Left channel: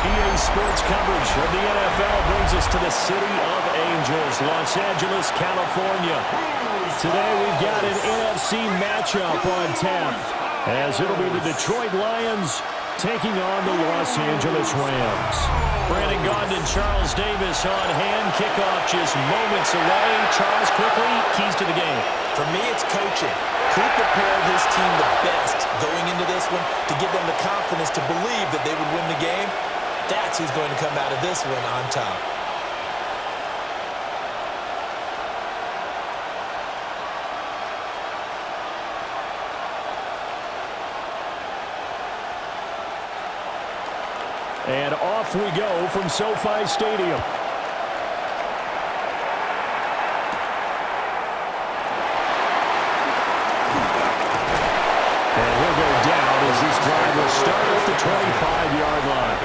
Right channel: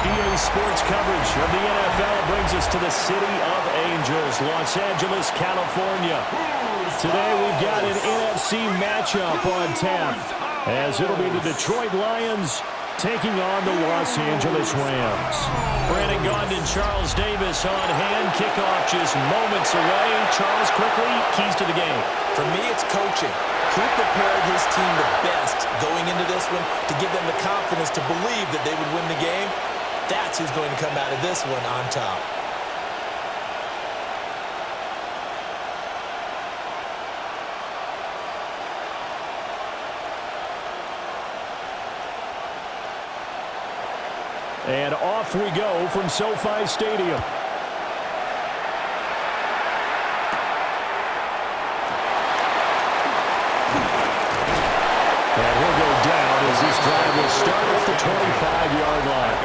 EA Sports coverage of the NFL brings us to the City of Angels, Los Angeles, California. Today we've got an NFC matchup on tap, as it'll be the Detroit Lions taking on the Los Angeles Rams. Brandon Gaudin and Charles Davis on hand. Kickoff just moments away. Charles, quickly, keys to the game. For me, it's coaching. Who prepared his team the best going into this one to give them the confidence to believe that they would win the game? That's who's going to come out of this one on top. And off we go from SoFi Stadium. And he'll go down as this drive will start at the 25-yard line.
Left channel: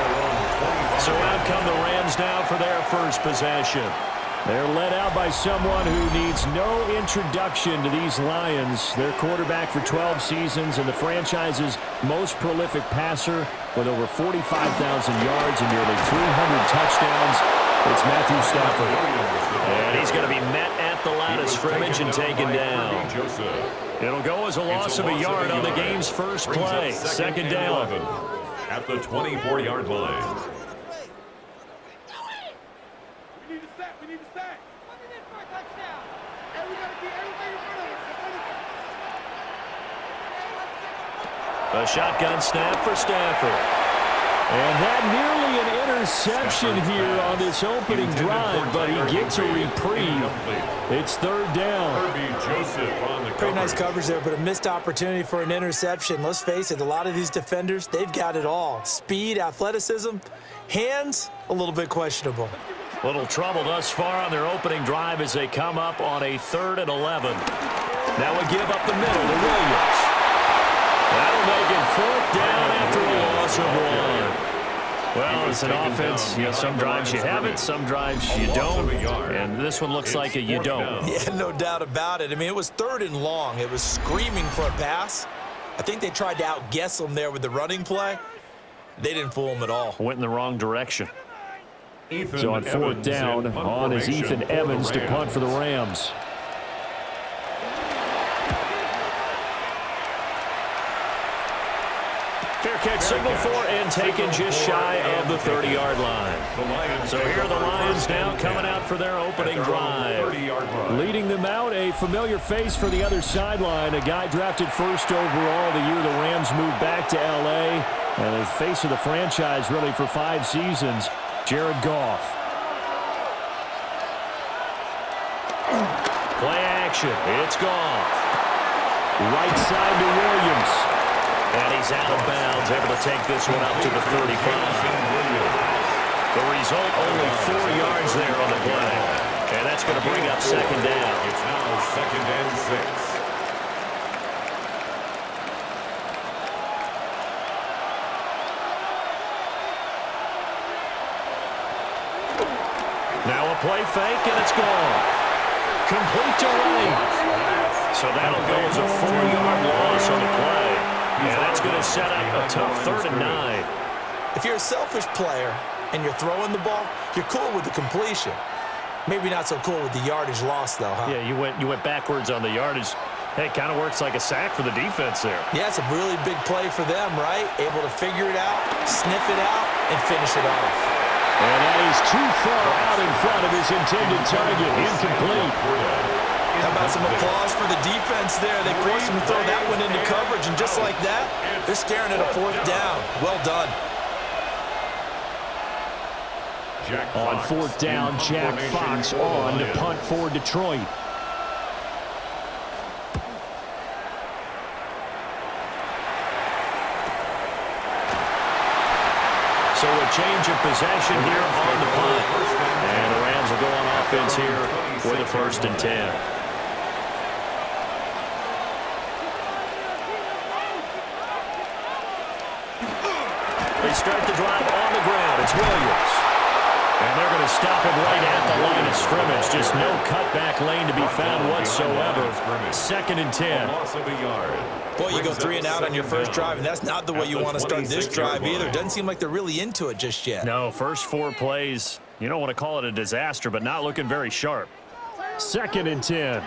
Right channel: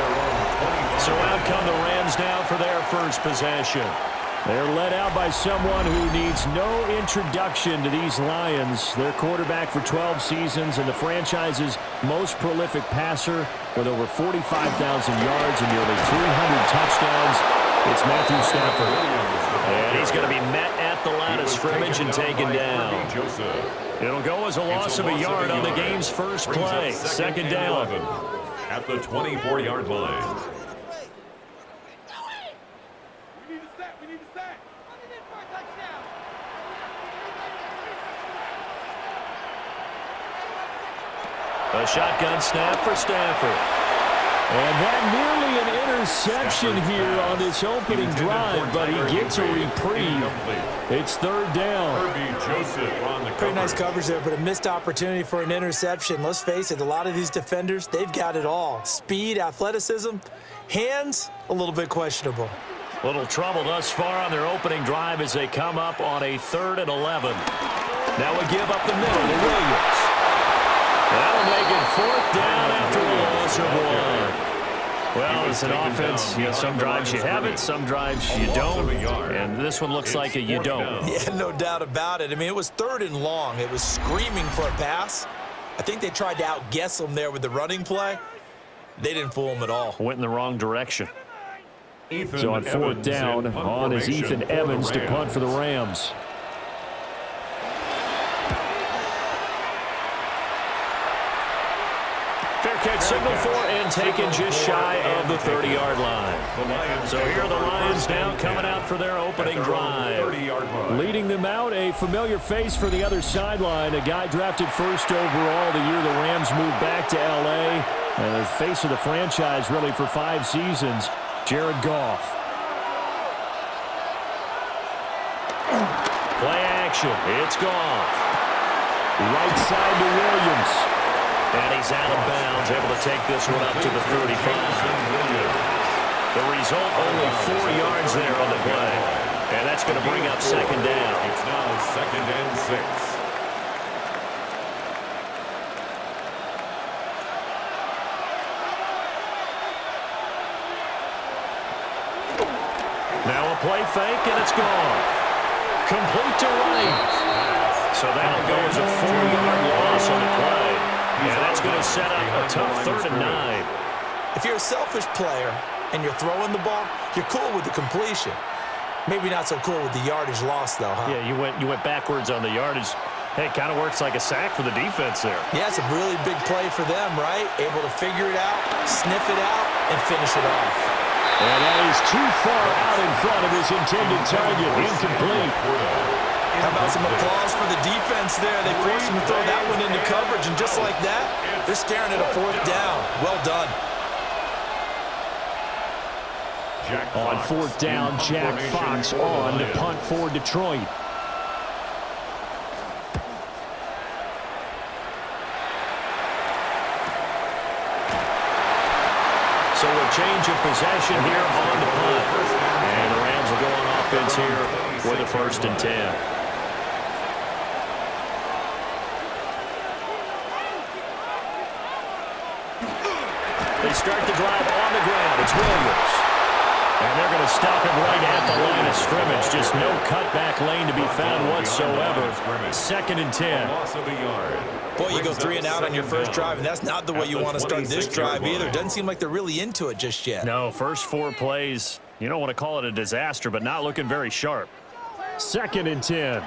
So out come the Rams now for their first possession. They're led out by someone who needs no introduction to these Lions. Their quarterback for 12 seasons and the franchise's most prolific passer with over 45,000 yards and nearly 300 touchdowns. It's Matthew Stafford. And he's going to be met at the line of scrimmage and taken down. It'll go as a loss of a yard on the game's first play. Second down. At the 24-yard line. A shotgun snap for Stafford. And that nearly an interception here on this opening drive, but he gets a reprieve. It's third down. Pretty nice coverage there, but a missed opportunity for an interception. Let's face it, a lot of these defenders, they've got it all. Speed, athleticism, hands, a little bit questionable. Little trouble thus far on their opening drive as they come up on a 3rd and 11. Now we give up the middle to Williams. That'll make it 4th down after a loss of 1. Well, it's an offense. You know, some drives you have it, some drives you don't. And this one looks like a you don't. Yeah, no doubt about it. I mean, it was 3rd and long. It was screaming for a pass. I think they tried to outguess them there with the running play. They didn't fool them at all. Went in the wrong direction. So on 4th down, on is Ethan Evans to punt for the Rams. Fair catch signal for and taken just shy of the 30-yard line. So here are the Lions now coming out for their opening drive. Leading them out, a familiar face for the other sideline, a guy drafted 1st overall the year the Rams moved back to L.A., and the face of the franchise really for 5 seasons, Jared Goff. Play action, it's Goff. Right side to Williams. And he's out of bounds, able to take this one up to the 35. The result, only 4 yards there on the play. And that's going to bring up 2nd down. It's now 2nd and 6. Now a play fake, and it's gone. Complete to right. So that'll go as a 4-yard loss on the play. And that's going to set up a tough 3rd and 9. If you're a selfish player and you're throwing the ball, you're cool with the completion. Maybe not so cool with the yardage loss, though, huh? Yeah, you went backwards on the yardage. Hey, it kind of works like a sack for the defense there. Yeah, it's a really big play for them, right? Able to figure it out, sniff it out, and finish it off. And that is too far out in front of his intended target. Incomplete. How about some applause for the defense there? They forced him to throw that one into coverage, and just like that, they're staring at a 4th down. Well done. On 4th down, Jack Fox on to punt for Detroit. So a change of possession here on the punt. And the Rams will go on offense here with a 1st and 10. They start the drive on the ground. It's Williams. And they're going to stop him right at the line of scrimmage. Just no cutback lane to be found whatsoever. 2nd and 10. Loss of a yard. Boy, you go 3 and out on your first drive, and that's not the way you want to start this drive either. Doesn't seem like they're really into it just yet. No, first 4 plays, you don't want to call it a disaster, but not looking very sharp. 2nd and 10.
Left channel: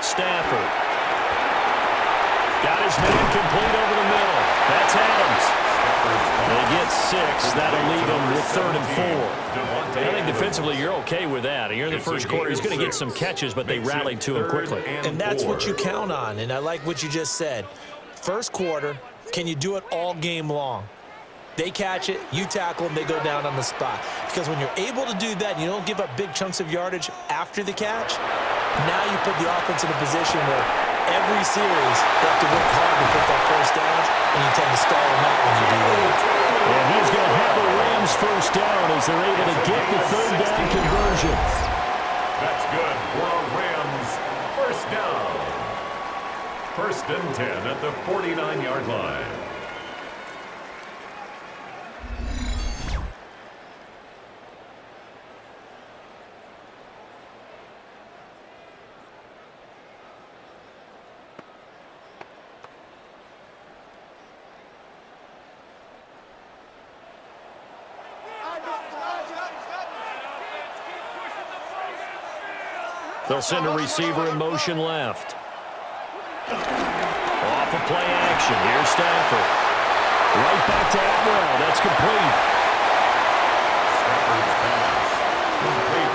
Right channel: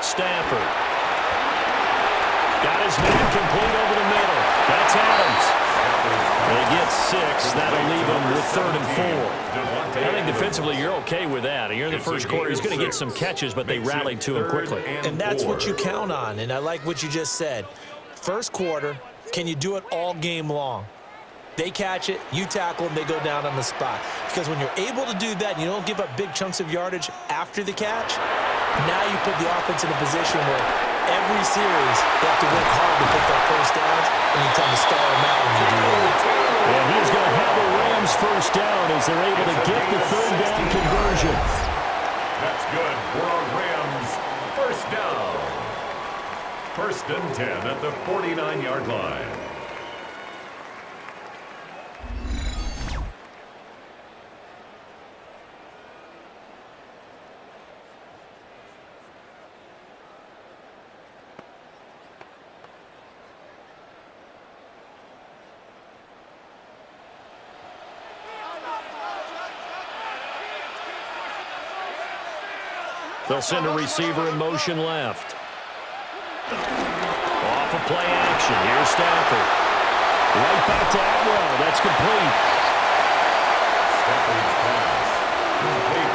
Stafford. Got his man complete over the middle. That's Adams. They get 6. That'll leave him with 3rd and 4. I think defensively you're okay with that. You're in the first quarter. He's going to get some catches, but they rallied to him quickly. And that's what you count on, and I like what you just said. First quarter, can you do it all game long? They catch it, you tackle them, they go down on the spot. Because when you're able to do that and you don't give up big chunks of yardage after the catch, now you put the offense in a position where every series they have to work hard to pick up first downs, and you tend to stall them out when you do that. And he's going to have the Rams first down as they're able to get the 3rd down conversion. That's good for a Rams first down. 1st and 10 at the 49-yard line. They'll send a receiver in motion left. Off of play action. Here's Stafford. Right back to Atwell. That's complete. Stafford's pass. Complete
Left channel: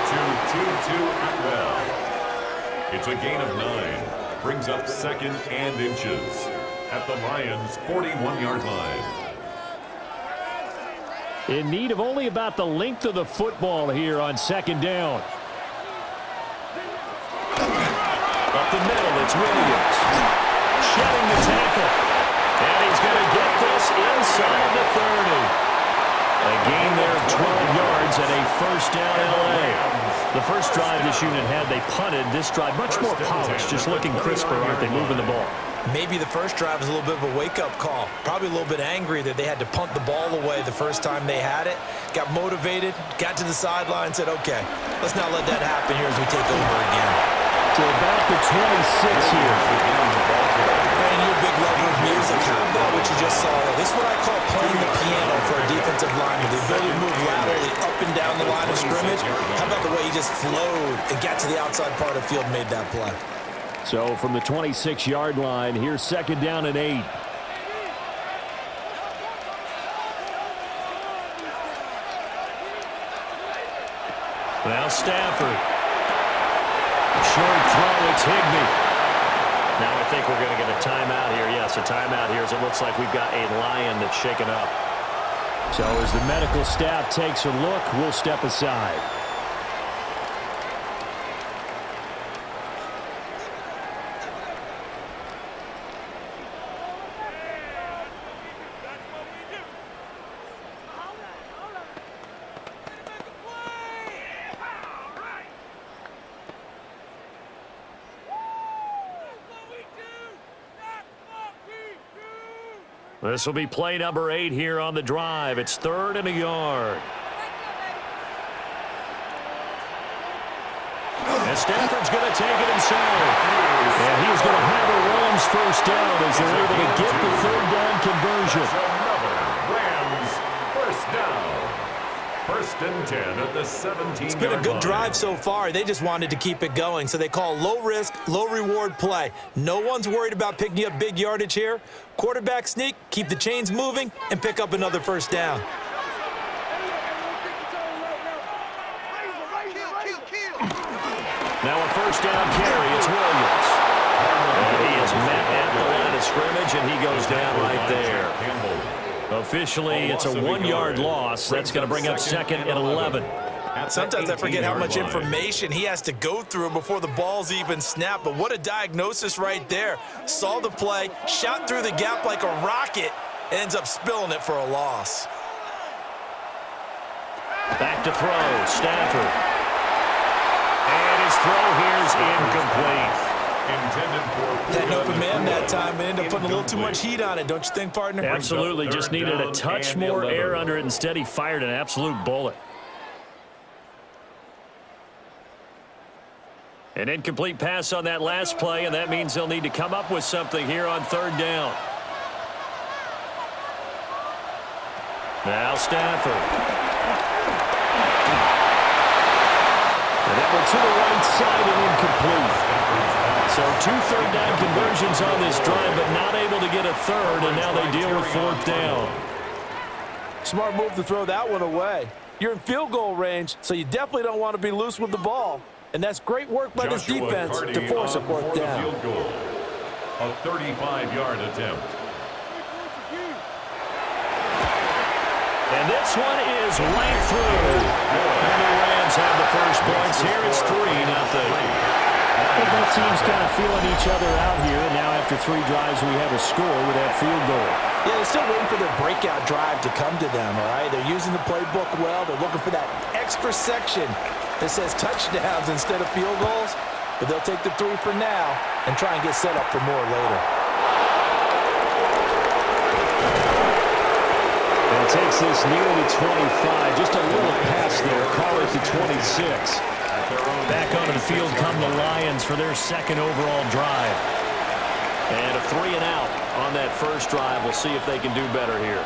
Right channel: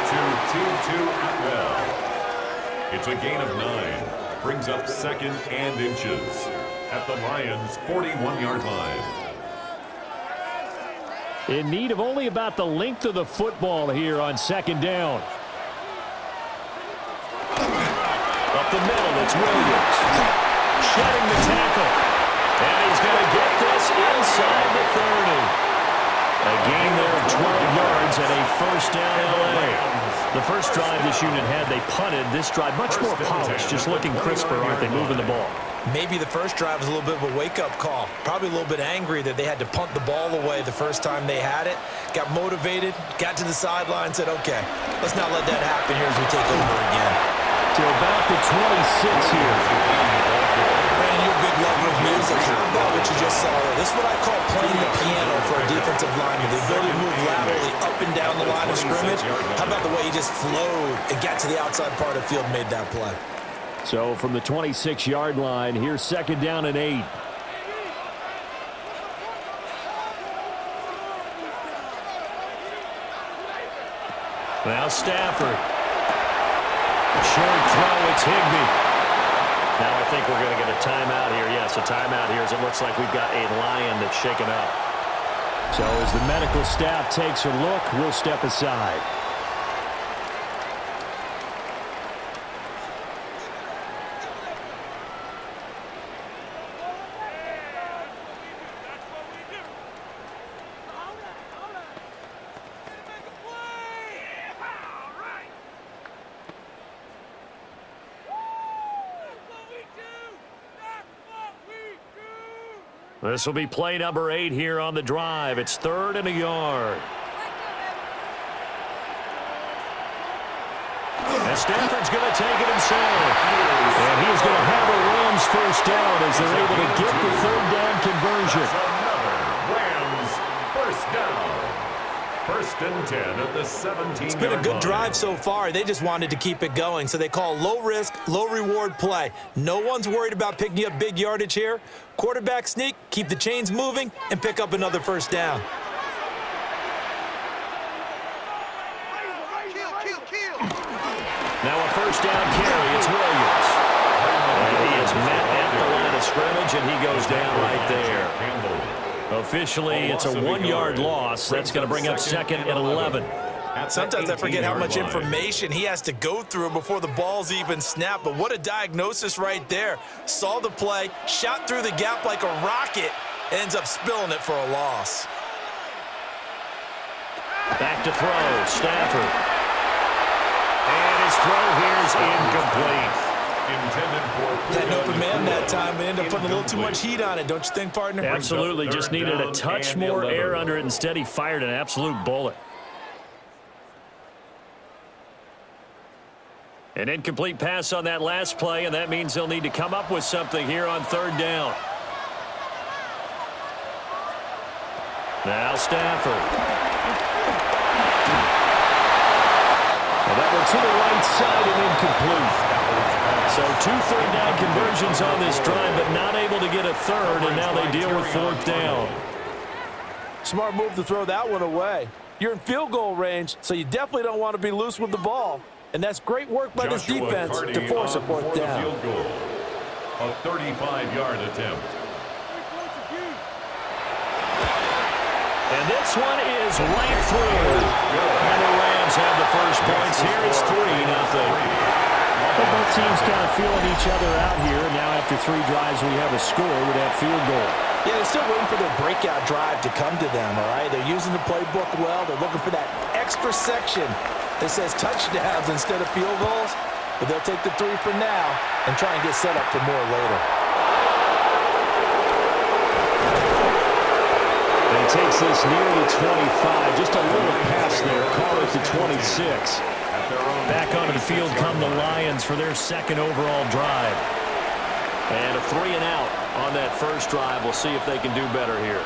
to Atwell. It's a gain of 9. Brings up 2nd and inches at the Lions' 41-yard line. In need of only about the length of the football here on 2nd down. Up the middle, it's Williams. Shedding the tackle. And he's going to get this inside the 30. A gain there of 12 yards and a first down LA. The first drive this unit had, they punted. This drive, much more polished, just looking crisper, aren't they, moving the ball? Maybe the first drive was a little bit of a wake-up call. Probably a little bit angry that they had to punt the ball away the first time they had it. Got motivated, got to the sideline, said, okay, let's not let that happen here as we take over again. To about the 26 here. Brandon, you're a big lover of music. How about what you just saw there? This is what I call playing the piano for a defensive lineman. The ability to move laterally up and down the line of scrimmage. How about the way he just flowed and got to the outside part of the field and made that play? So from the 26-yard line, here's 2nd down and 8. Now Stafford. Short throw, it's Higbee. Now I think we're going to get a timeout here. Yes, a timeout here as it looks like we've got a Lion that's shaken up. So as the medical staff takes a look, we'll step aside. This will be play number 8 here on the drive. It's 3rd and a yard. And Stafford's going to take it himself. And he's going to have a Rams first down as they're able to get the 3rd down conversion. Another Rams first down. 1st and 10 at the 17-yard line. It's been a good drive so far. They just wanted to keep it going, so they call low-risk, low-reward play. No one's worried about picking up big yardage here. Quarterback sneak, keep the chains moving, and pick up another first down. Now a first down carry. It's Williams. And he is met at the line of scrimmage, and he goes down right there. Officially, it's a 1-yard loss. That's going to bring up 2nd and 11. Sometimes I forget how much information he has to go through before the ball's even snapped, but what a diagnosis right there. Saw the play, shot through the gap like a rocket, ends up spilling it for a loss. Back to throw, Stafford. And his throw here's incomplete. Intended for Had an open man that time. time and end up putting a little too much heat on it, don't you think, partner? Absolutely. Just needed a touch more air under it. Instead, he fired an absolute bullet. An incomplete pass on that last play, and that means they'll need to come up with something here on third down. Now Stafford. And that one to the right side and incomplete. So 2 third-down conversions on this drive, but not able to get a third, and now they deal with fourth down. Smart move to throw that one away. You're in field goal range, so you definitely don't want to be loose with the ball. And that's great work by this defense to force a fourth down. Field goal. A 35-yard attempt. And this one is right through. And the Rams have the first points here. It's 3-0. Well, both teams kind of feeling each other out here. And now after 3 drives, we have a score with that field goal. Yeah, they're still waiting for their breakout drive to come to them, all right? They're using the playbook well. They're looking for that extra section that says touchdowns instead of field goals. But they'll take the 3 for now and try and get set up for more later. And he takes this near the 25. Just a little pass there. Call it the 26. Back onto the field come the Lions for their second overall drive. And a 3-and-out on that first drive. We'll see if they can do better here.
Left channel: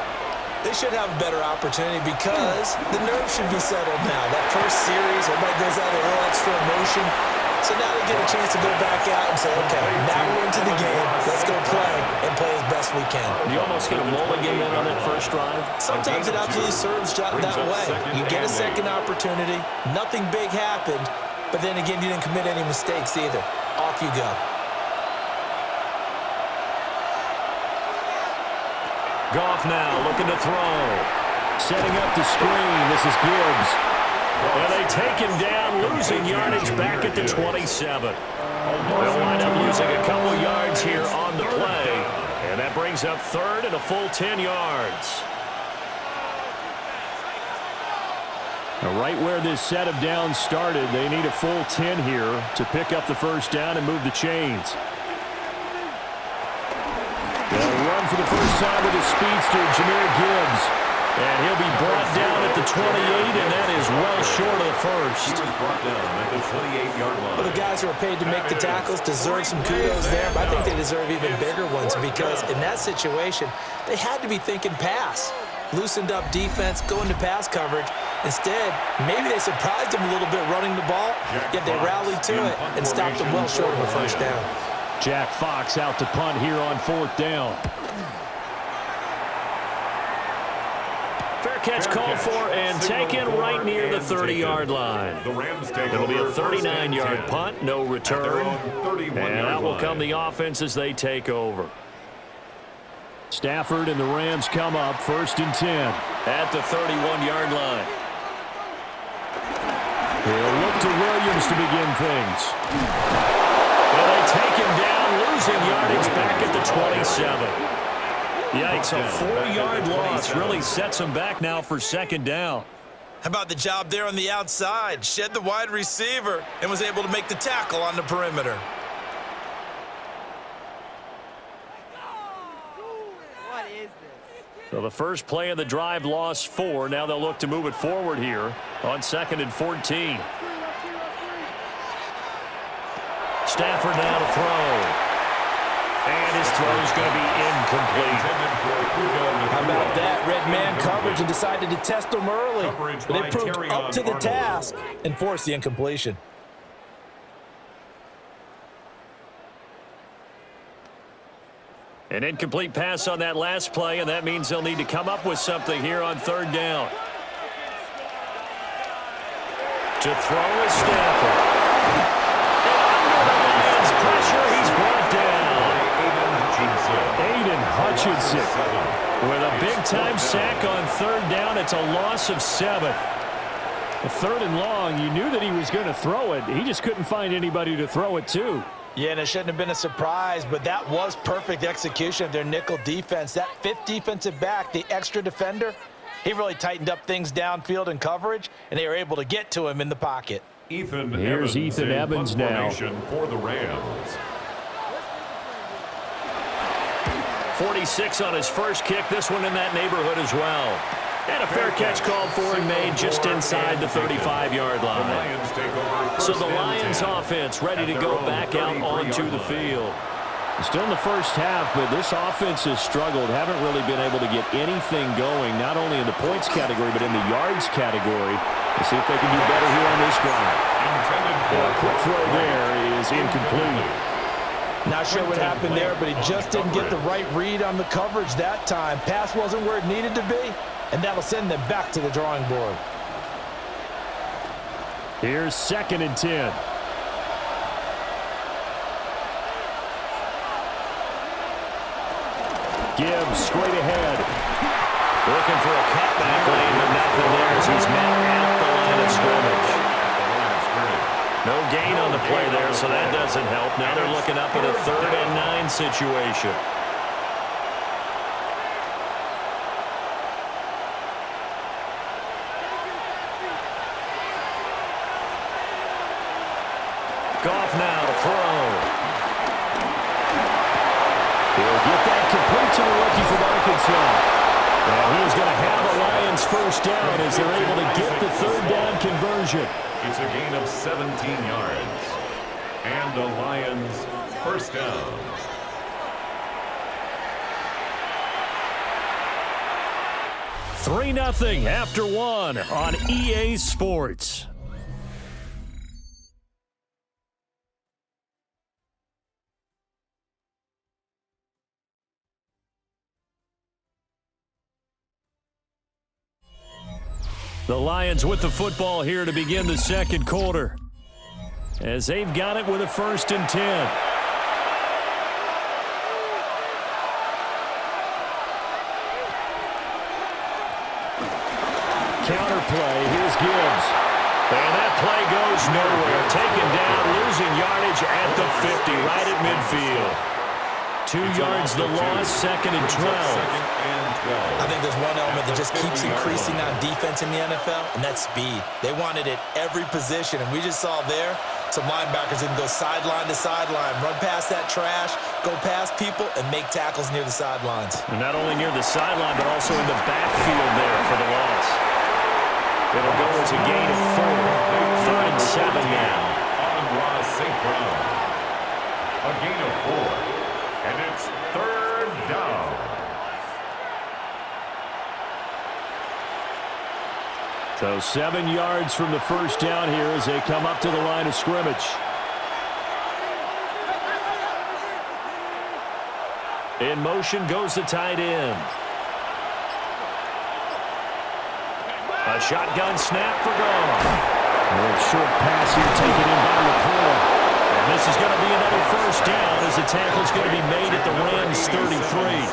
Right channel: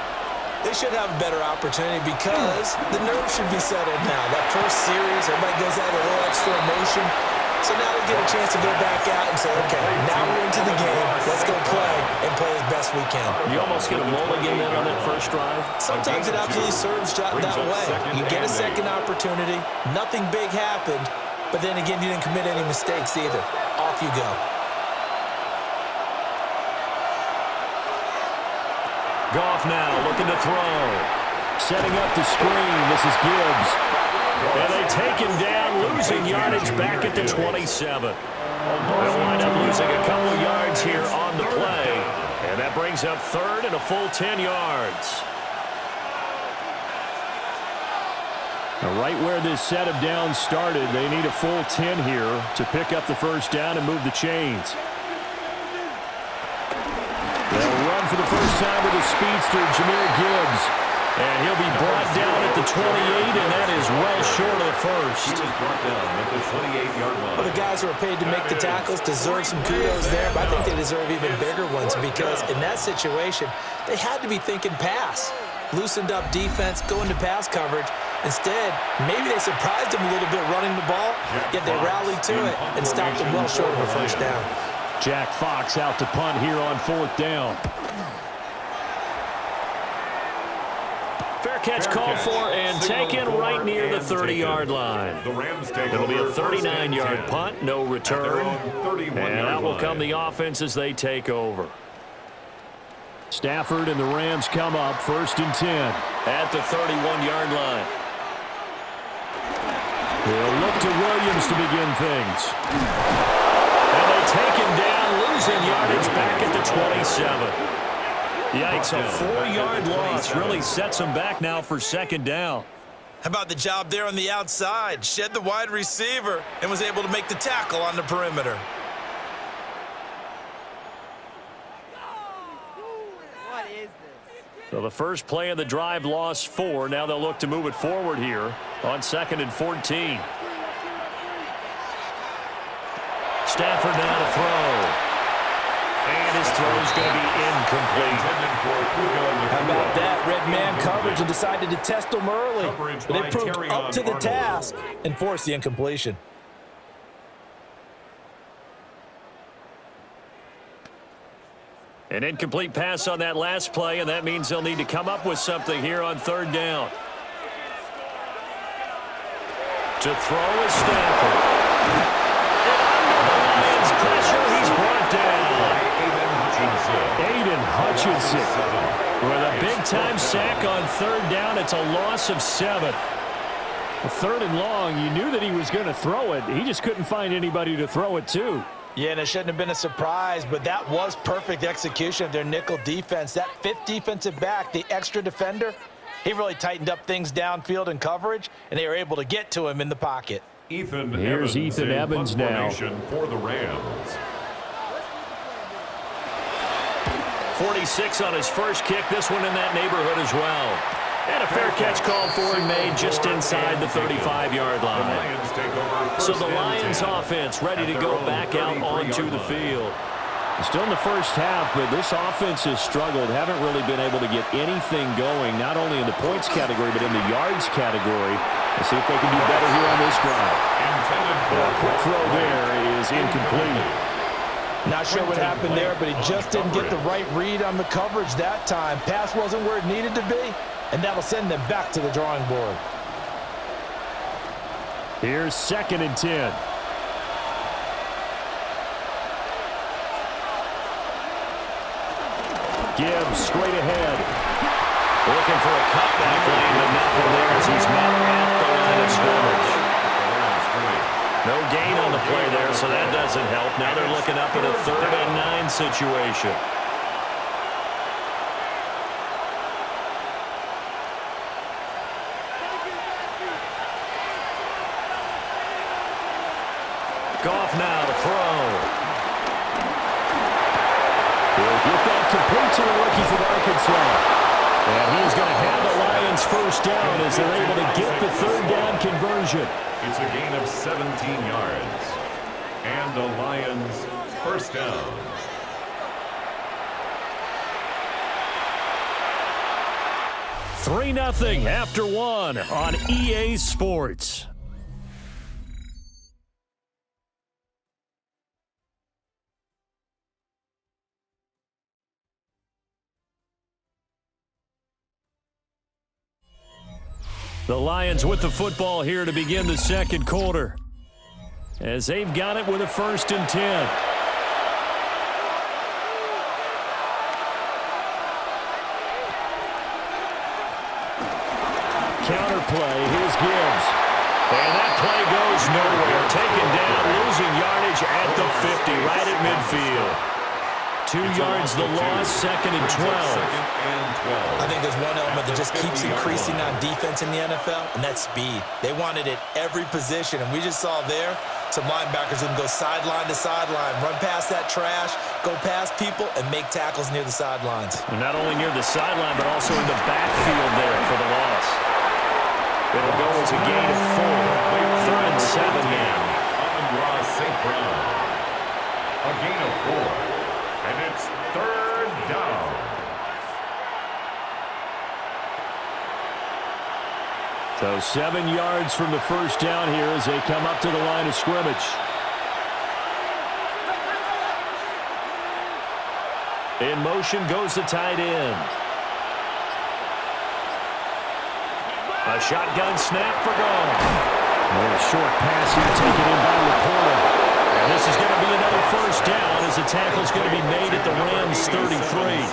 They should have a better opportunity because the nerves should be settled now. That first series, everybody goes out with a little extra emotion. So now they get a chance to go back out and say, okay, now we're into the game. Let's go play and play as best we can. You almost get a mulligan then on that first drive? Sometimes it absolutely serves that way. You get a second opportunity. Nothing big happened. But then again, you didn't commit any mistakes either. Off you go. Goff now looking to throw. Setting up the screen. This is Gibbs. And they take him down, losing yardage back at the 27. They'll wind up losing a couple yards here on the play. And that brings up third and a full 10 yards. Now, right where this set of downs started, they need a full 10 here to pick up the first down and move the chains. They'll run for the first time with his speedster, Jahmyr Gibbs. And he'll be brought down at the 28, and that is well short of the first. He was brought down at the 28-yard line. Well, the guys who are paid to make the tackles deserve some kudos there, but I think they deserve even bigger ones because in that situation, they had to be thinking pass. Loosened up defense, going to pass coverage. Instead, maybe they surprised them a little bit running the ball, yet they rallied to it and stopped them well short of a first down. Jack Fox out to punt here on fourth down. Fair catch called for and taken right near the 30-yard line. It'll be a 39-yard punt, no return. And out will come the offense as they take over. Stafford and the Rams come up, 1st and 10. At the 31-yard line. He'll look to Williams to begin things. And they take him down, losing yardage back at the 27. Yikes, a 4-yard loss really sets him back now for second down. How about the job there on the outside? Shed the wide receiver and was able to make the tackle on the perimeter. What is this? So the first play of the drive lost 4. Now they'll look to move it forward here on 2nd and 14. Stafford now to throw. And his throw's going to be incomplete. How about that? Red man coverage and decided to test them early. But they proved up to the task and forced the incompletion. An incomplete pass on that last play, and that means they'll need to come up with something here on third down. To throw is Stafford. And under the Lions' pressure, he's brought down. Aiden Hutchinson with a big-time sack on third down. It's a loss of 7. Well, 3rd and long, you knew that he was going to throw it. He just couldn't find anybody to throw it to. Yeah, and it shouldn't have been a surprise, but that was perfect execution of their nickel defense. That 5th defensive back, the extra defender, he really tightened up things downfield in coverage, and they were able to get to him in the pocket. Here's Ethan Evans now for the Rams. 46 on his first kick. This one in that neighborhood as well. And a fair catch called for and made just inside the 35-yard line. So the Lions offense ready to go back out onto the field. Still in the first half, but this offense has struggled. Haven't really been able to get anything going, not only in the points category, but in the yards category. Let's see if they can do better here on this drive. A quick throw there is incomplete. Not sure what happened there, but he just didn't get the right read on the coverage that time. Pass wasn't where it needed to be, and that'll send them back to the drawing board. Here's 2nd and 10. Gibbs straight ahead. Looking for a cutback lane, but nothing there as he's met at the line of scrimmage. No gain on the play there, so that doesn't help. Now they're looking up at a 3rd and 9 situation. Goff now to throw. He'll get that complete to the rookie from Arkansas. And he's going to have the Lions first down as they're able to get the 3rd down conversion. It's a gain of 17 yards. And the Lions first down. Three 3-0 after 1 on EA Sports. The Lions with the football here to begin the 2nd quarter, as they've got it with a 1st and 10. Counter play. Here's Gibbs. And that play goes nowhere. Taken down, losing yardage at the 50, right at midfield. 2 yards the loss, 2nd and 12. I think there's one element that just keeps increasing on defense in the NFL, and that's speed. They want it at every position, and we just saw there some linebackers that can go sideline to sideline, run past that trash, go past people, and make tackles near the sidelines. And not only near the sideline, but also in the backfield there for the loss. It'll go as a gain of 4. 3rd and 7 now. Amon-Ra St. Brown. A gain of 4. And it's 3rd down. So 7 yards from the first down here as they come up to the line of scrimmage. In motion goes the tight end. A shotgun snap for Goff. A little short pass here taken in by Laporta. And this is going to be another first down as the tackle's going to be made at the Rams 33.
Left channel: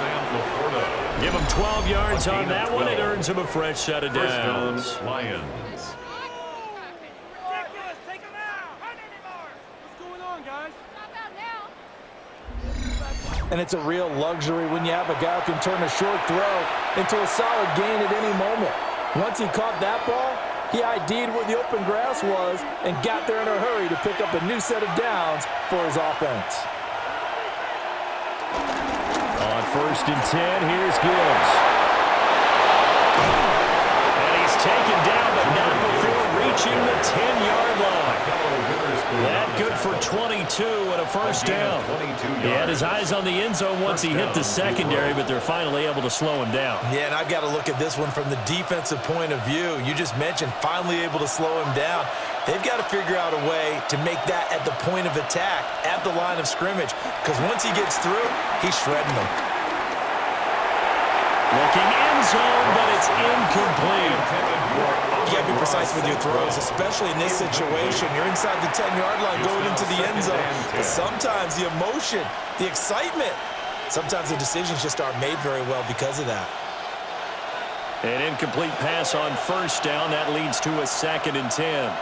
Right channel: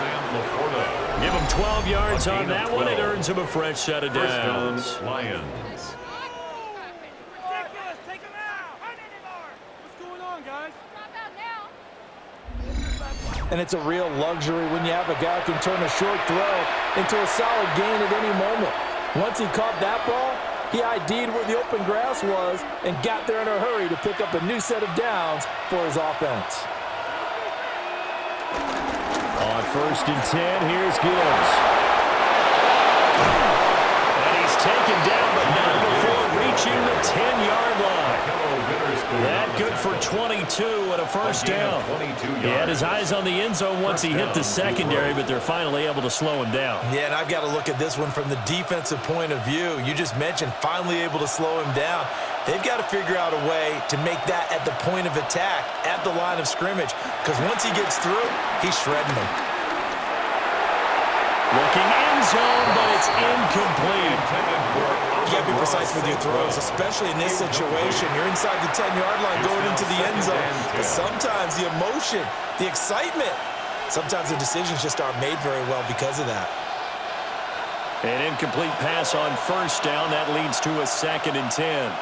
Give him 12 yards on that one. It earns him a fresh set of downs. Lions. Take him out. What's going on, guys? And it's a real luxury when you have a guy who can turn a short throw into a solid gain at any moment. Once he caught that ball, he ID'd where the open grass was and got there in a hurry to pick up a new set of downs for his offense. On 1st and 10, here's Gibbs. And he's taken down, but not before reaching the 10-yard line. That good for 22 and a first down. He had his eyes on the end zone once he hit the secondary, but they're finally able to slow him down. Yeah, and I've got to look at this one from the defensive point of view. You just mentioned finally able to slow him down. They've got to figure out a way to make that at the point of attack, at the line of scrimmage, because once he gets through, he's shredding them. Looking end zone, but it's incomplete. You got to be precise with your throws, especially in this situation. You're inside the 10-yard line going into the end zone. But sometimes the emotion, the excitement, sometimes the decisions just aren't made very well because of that. An incomplete pass on first down. That leads to a 2nd and 10.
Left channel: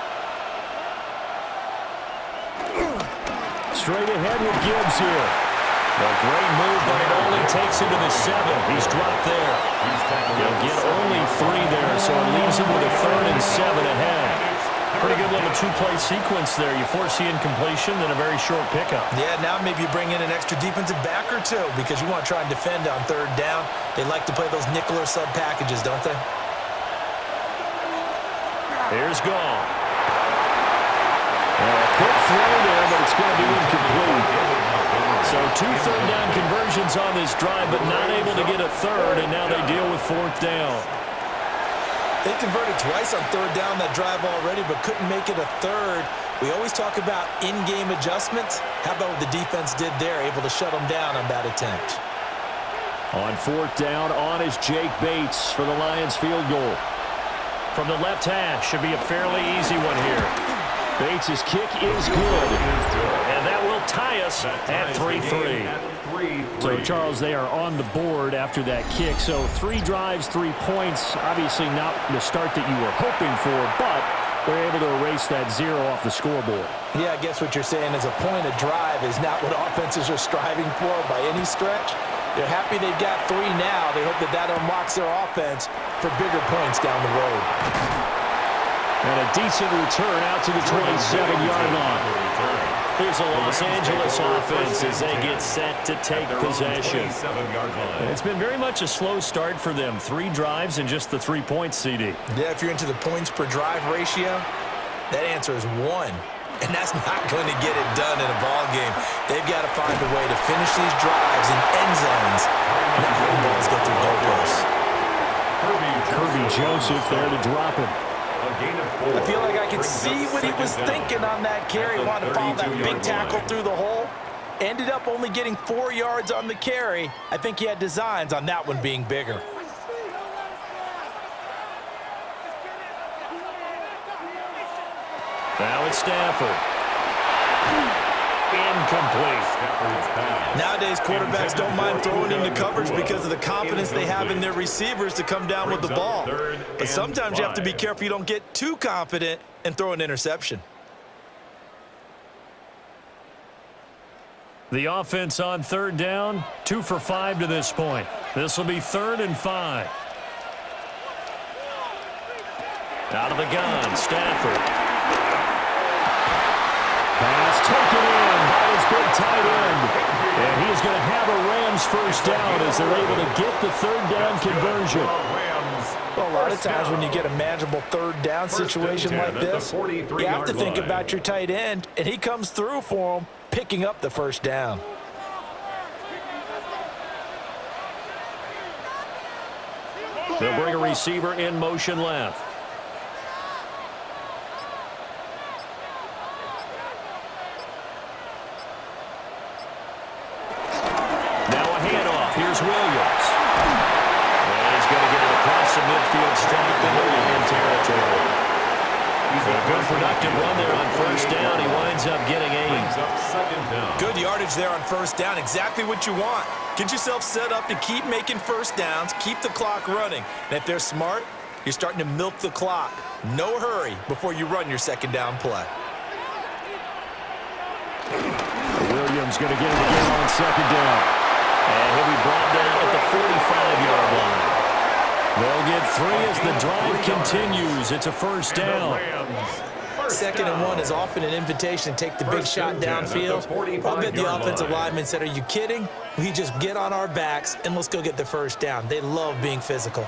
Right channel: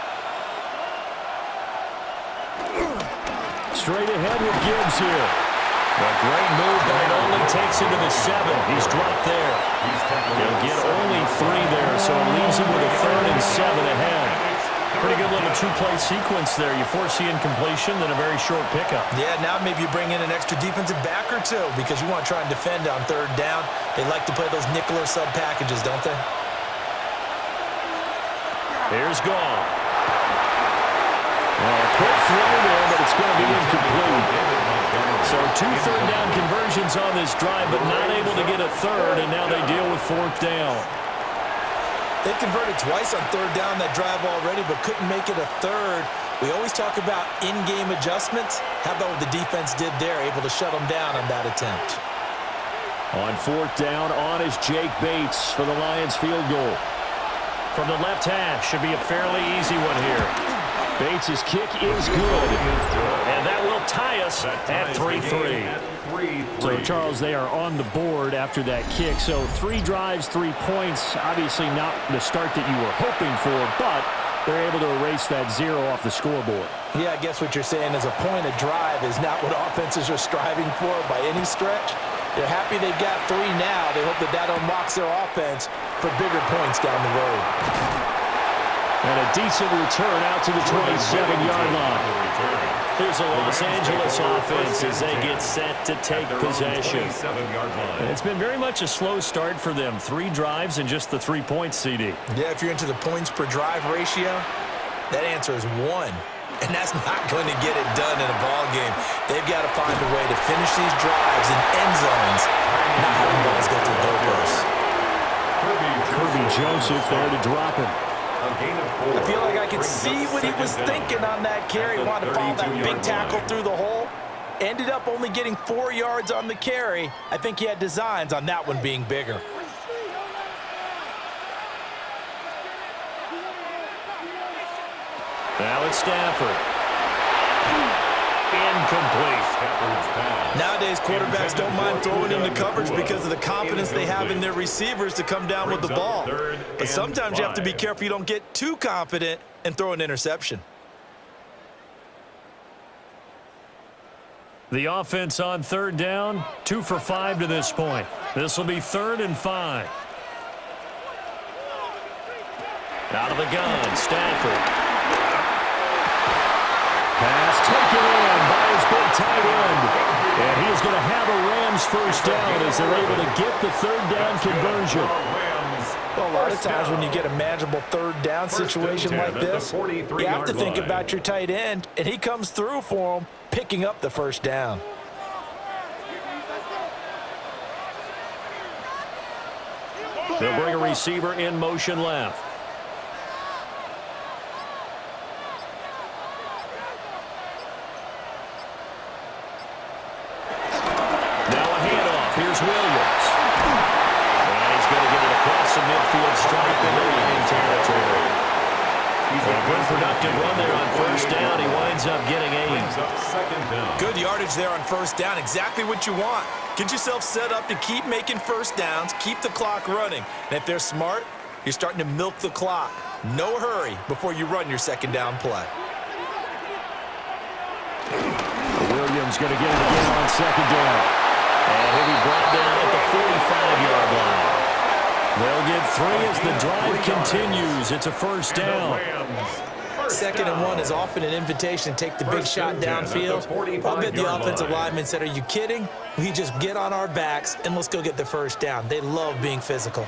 Straight ahead with Gibbs here. A great move, but it only takes him to the 7. He's dropped there. He'll get only 3 there, so it leaves him with a 3rd and 7 ahead. Pretty good little two-play sequence there. You force the incompletion, then a very short pickup. Yeah, now maybe you bring in an extra defensive back or two because you want to try and defend on third down. They like to play those nickel or sub packages, don't they? Here's Gall. Well, a quick throw there, but it's going to be incomplete. So 2 third-down conversions on this drive, but not able to get a third, and now they deal with 4th down. They converted twice on third down that drive already, but couldn't make it a third. We always talk about in-game adjustments. How about what the defense did there, able to shut them down on that attempt? On 4th down, on is Jake Bates for the Lions field goal. From the left hash, should be a fairly easy one here. Bates' kick is good. And that will tie us at 3-3. So, Charles, they are on the board after that kick. So 3 drives, 3 points. Obviously not the start that you were hoping for, but they're able to erase that 0 off the scoreboard. Yeah, I guess what you're saying is a point of drive is not what offenses are striving for by any stretch. They're happy they've got 3 now. They hope that that unlocks their offense for bigger points down the road. And a decent return out to the 27-yard line. Here's a Los Angeles offense as they get set to take possession. It's been very much a slow start for them. 3 drives and just the 3 points, CD. Yeah, if you're into the points per drive ratio, that answer is 1. And that's not going to get it done in a ball game. They've got to find a way to finish these drives in end zones, not having balls go through goalposts. Kirby Joseph there to drop him. I feel like I could see what he was thinking on that carry. Wanted to follow that big tackle through the hole. Ended up only getting 4 yards on the carry. I think he had designs on that one being bigger. Now it's Stafford. Incomplete. Nowadays, quarterbacks don't mind throwing into coverage because of the confidence they have in their receivers to come down with the ball. But sometimes you have to be careful you don't get too confident and throw an interception. The offense on 3rd down, 2 for 5 to this point. This will be 3rd and 5. Out of the gun, Stafford. Pass taken in by his big tight end. And he is going to have a Rams first down as they're able to get the 3rd down conversion. Well, a lot of times when you get a manageable 3rd down situation like this, you have to think about your tight end, and he comes through for him, picking up the 1st down. They'll bring a receiver in motion left. Here's Williams. And he's going to get it across the midfield stripe into Lion territory. He's a good productive run there on 1st down. He winds up getting 8. Good yardage there on 1st down. Exactly what you want. Get yourself set up to keep making 1st downs, keep the clock running. And if they're smart, you're starting to milk the clock. No hurry before you run your 2nd down play. Williams going to get it again on 2nd down. And he'll be brought down at the 45-yard line. They'll get 3 as the drive continues. It's a 1st down. 2nd and 1 is often an invitation to take the big shot downfield. I'll bet the offensive lineman said, are you kidding? We just get on our backs and let's go get the 1st down. They love being physical.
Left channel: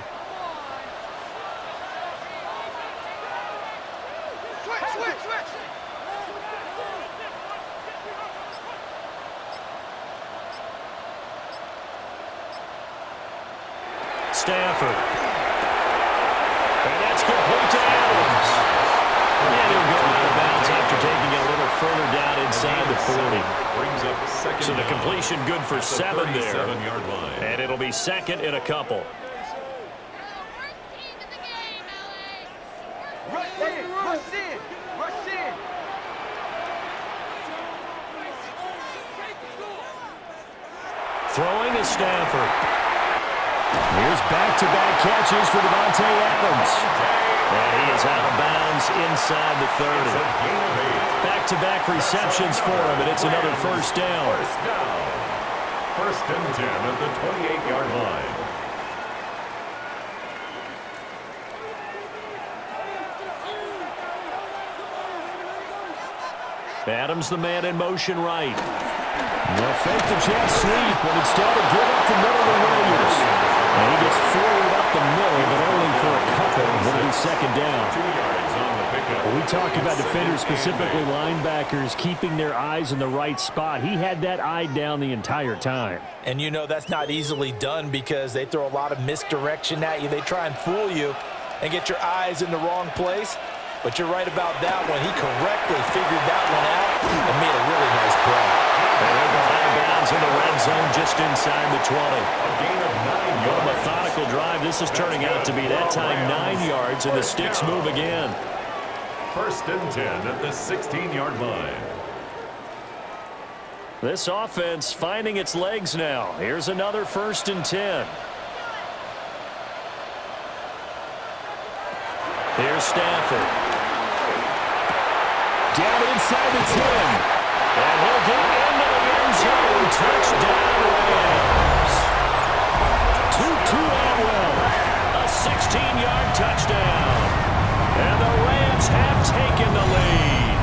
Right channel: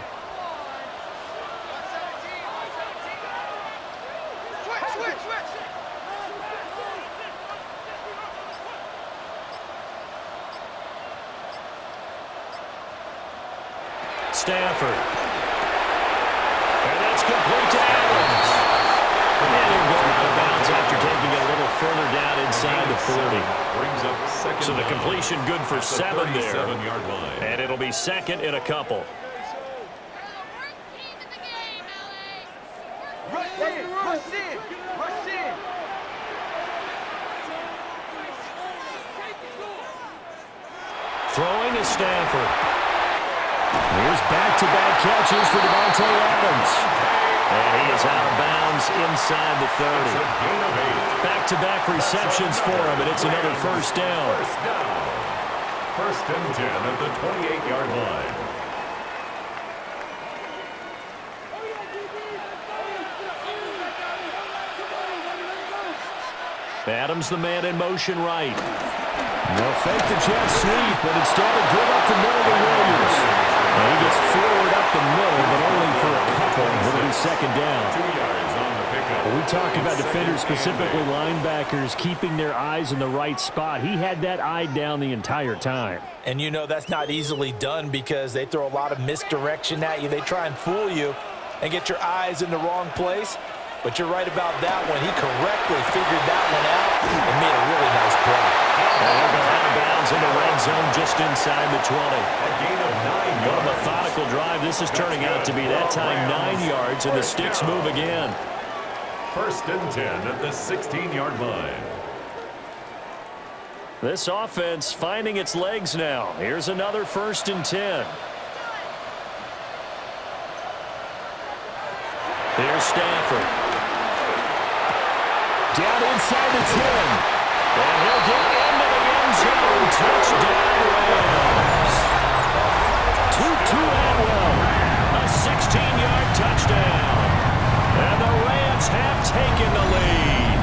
Stafford. And that's complete to Adams. And he'll go out of bounds after taking it a little further down inside the 40. So the completion good for 7 there. And it'll be 2nd and a couple. Throwing is Stafford. Here's back-to-back catches for Devontae Adams. And he is out of bounds inside the 30. Back-to-back receptions for him, and it's another 1st down. 1st and 10 at the 28-yard line. Adams the man in motion right. They'll fake the jet sweep, but instead of give up the middle to Williams. And he gets forward up the middle, but only for a couple. It'll be second down. 2 yards on the pickup. Well, we talked about defenders, specifically linebackers, keeping their eyes in the right spot. He had that eye down the entire time. And you know that's not easily done because they throw a lot of misdirection at you. They try and fool you and get your eyes in the wrong place. But you're right about that one. He correctly figured that one out and made a really nice play. And he'll go out of bounds in the red zone just inside the 20. A gain of 9 yards. What a methodical drive this is turning out to be. That time 9 yards, and the sticks move again. 1st and 10 at the 16-yard line. This offense finding its legs now. Here's another 1st and 10. Here's Stafford. Down inside the 10. And he'll get into the end zone. Touchdown, Rams. Tutu Atwell. A 16-yard touchdown. And the Rams have taken the lead.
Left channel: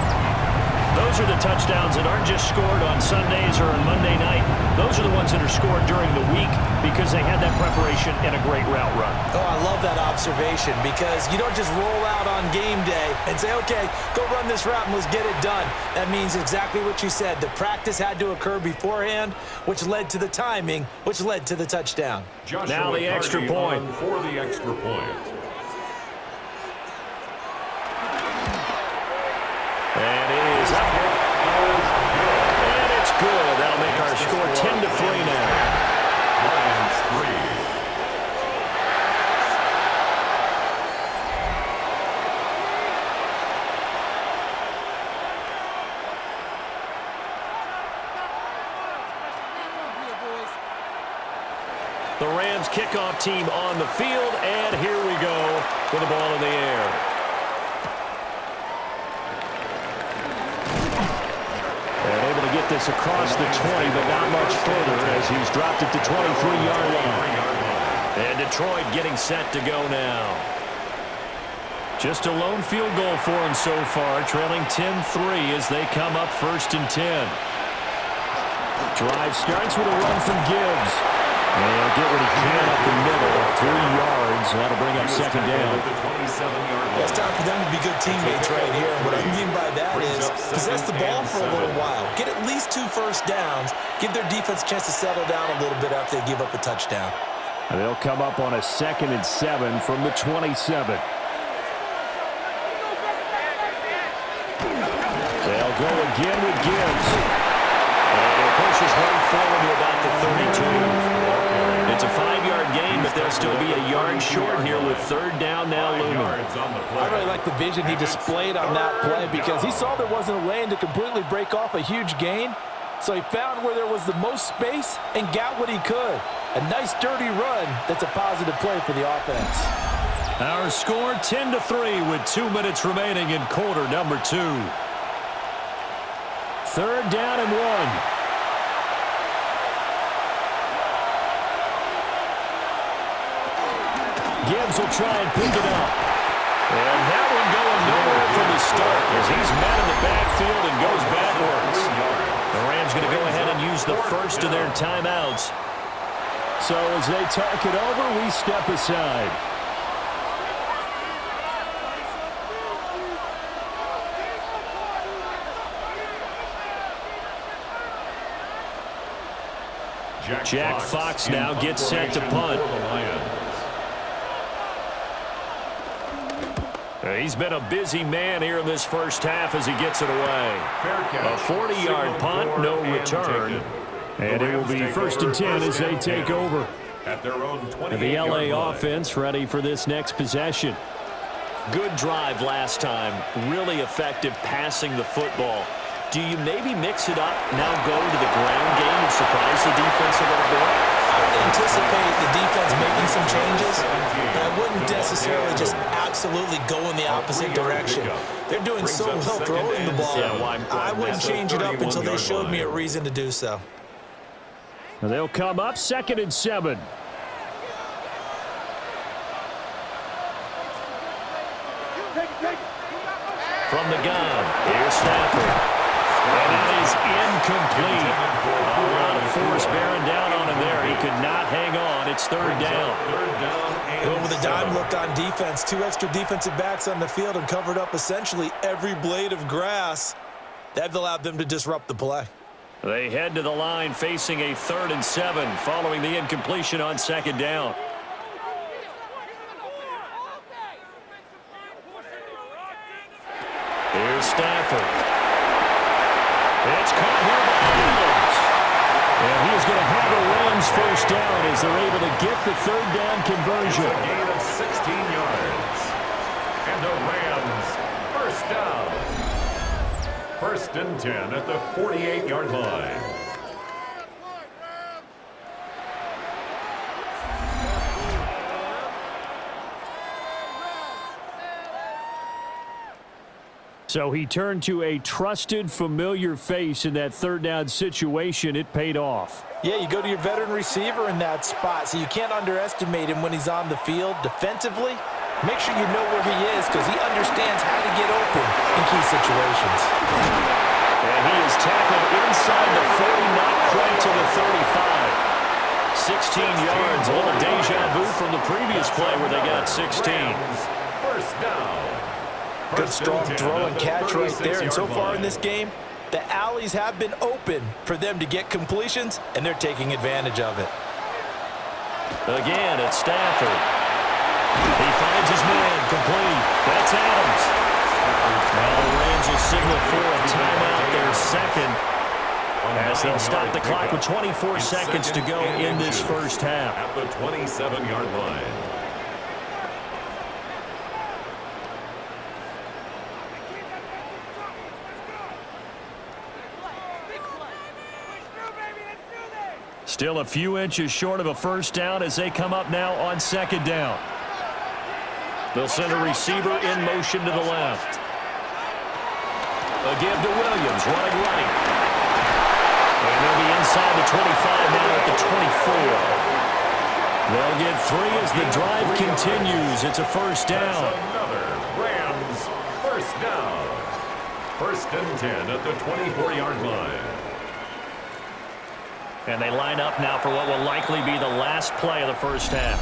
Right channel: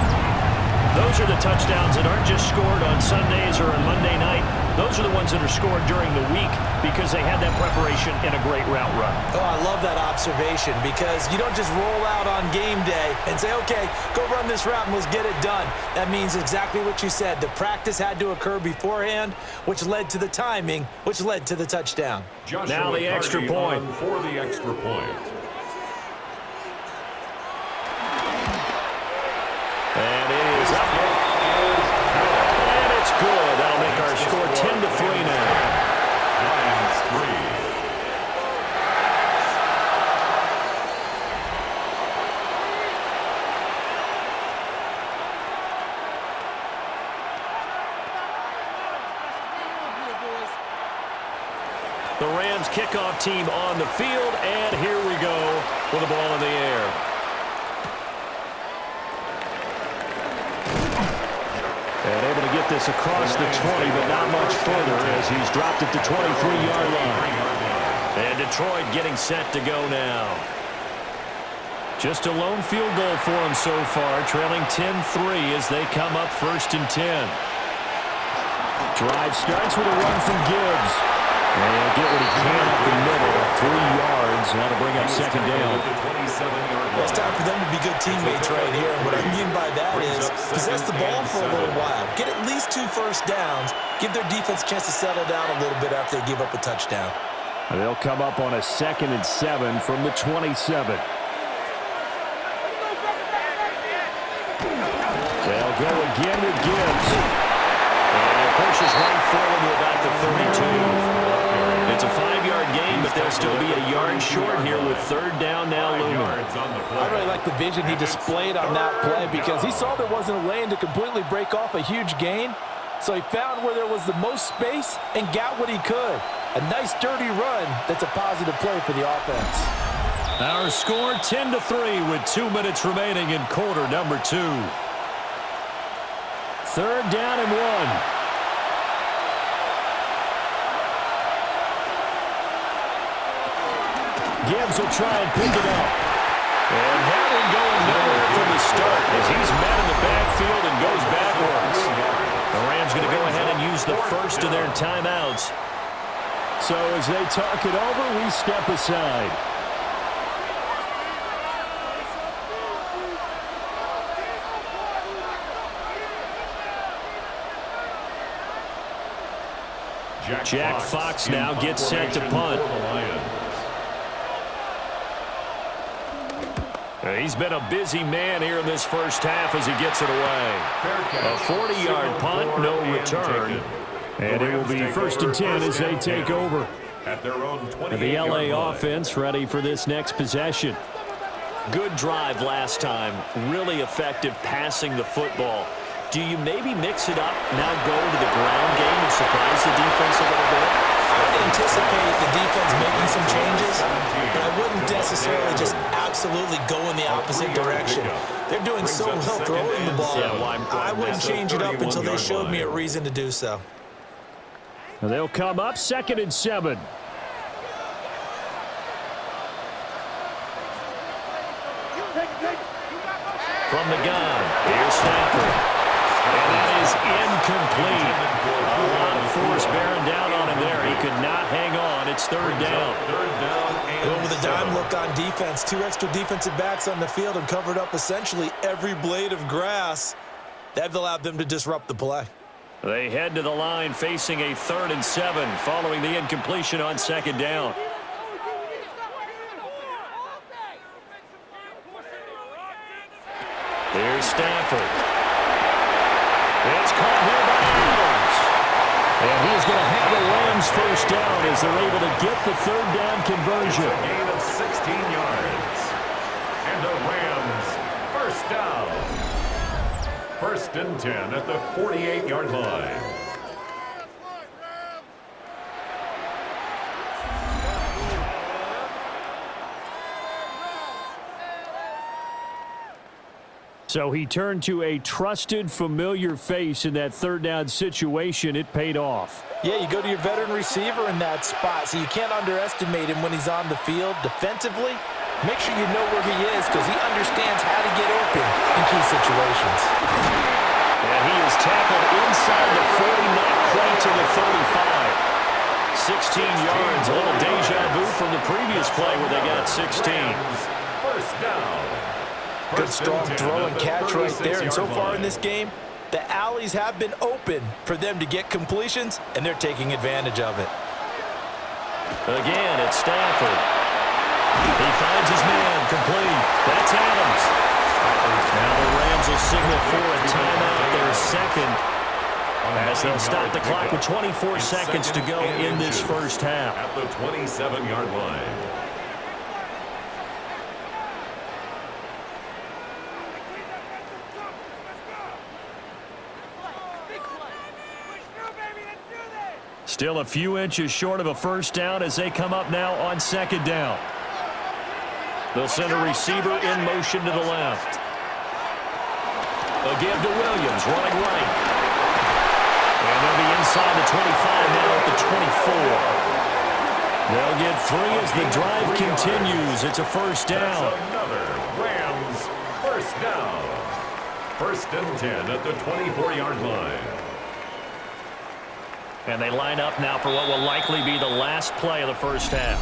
Those are the touchdowns that aren't just scored on Sundays or on Monday night. Those are the ones that are scored during the week because they had that preparation and a great route run. Oh, I love that observation because you don't just roll out on game day and say, okay, go run this route and let's get it done. That means exactly what you said. The practice had to occur beforehand, which led to the timing, which led to the touchdown. Now the extra point. For the extra point. And it is up. And it's good. That'll make our score 10-3 now. Lions 3. The Rams kickoff team on the field, and here we go with the ball in the air. And able to get this across the 20, but not much further as he's dropped it to 23-yard line. And Detroit getting set to go now. Just a lone field goal for him so far, trailing 10-3 as they come up 1st and 10. Drive starts with a run from Gibbs. And he'll get what he can up the middle, 3 yards. That'll bring up second down. Well, it's time for them to be good teammates right here. And what I mean by that is possess the ball for a little while. Get at least 2 first downs. Give their defense a chance to settle down a little bit after they give up a touchdown. And they'll come up on a 2nd and 7 from the 27. They'll go again with Gibbs. And it pushes right forward to about the 32. It's a 5-yard gain, but they'll still be a yard short here with 3rd down now looming. I really like the vision he displayed on that play because he saw there wasn't a lane to completely break off a huge gain. So he found where there was the most space and got what he could. A nice dirty run that's a positive play for the offense. Our score 10-3 with 2 minutes remaining in quarter number 2. 3rd down and 1. Gibbs will try and pick it up. And that one going nowhere from the start as he's met in the backfield and goes backwards. The Rams going to go ahead and use the first of their timeouts. So as they talk it over, we step aside. Jack Fox now gets set to punt. He's been a busy man here in this first half as he gets it away. A 40-yard punt, no return. And it will be 1st and 10 as they take over. At their own 28-yard The LA line. offense ready for this next possession. Good drive last time. Really effective passing the football. Do you maybe mix it up, now go to the ground game and surprise the defense a little bit? I would anticipate the defense making some changes, but I wouldn't necessarily just absolutely go in the opposite direction. They're doing so well throwing the ball. I wouldn't change it up until they showed me a reason to do so. And they'll come up 2nd and 7. From the gun, here's Stafford. And that is incomplete. A lot of force bearing down on him there. He could not hang on. It's third down. Going with a dime look on defense. 2 extra defensive backs on the field and covered up essentially every blade of grass. That allowed them to disrupt the play. They head to the line facing a 3rd and 7 following the incompletion on 2nd down. Here's Stafford. It's caught here by Adams. And he is going to have the Rams first down as they're able to get the 3rd down conversion. It's a gain of 16 yards. And the Rams first down. 1st and 10 at the 48-yard line. So he turned to a trusted, familiar face in that 3rd down situation. It paid off. Yeah, you go to your veteran receiver in that spot, so you can't underestimate him when he's on the field defensively. Make sure you know where he is because he understands how to get open in key situations. And he is tackled inside the 40, not quite to the 35. 16 yards, a little deja vu from the previous play where they got 16. First down. Good strong throw and catch right there. And so far in this game, the alleys have been open for them to get completions, and they're taking advantage of it. Again, it's Stafford. He finds his man, complete. That's Adams. Now the Rams will signal for a timeout, their 2nd, as they'll stop the clock with 24 seconds to go in this first half. At the 27-yard line. Still a few inches short of a first down as they come up now on 2nd down. They'll send a receiver in motion to the left. A give to Williams, running right. And they'll be inside the 25 now at the 24. They'll get 3 as the drive continues. It's a first down. That's another Rams first down. 1st and 10 at the 24-yard line. And they line up now for what will likely be the last play of the first half.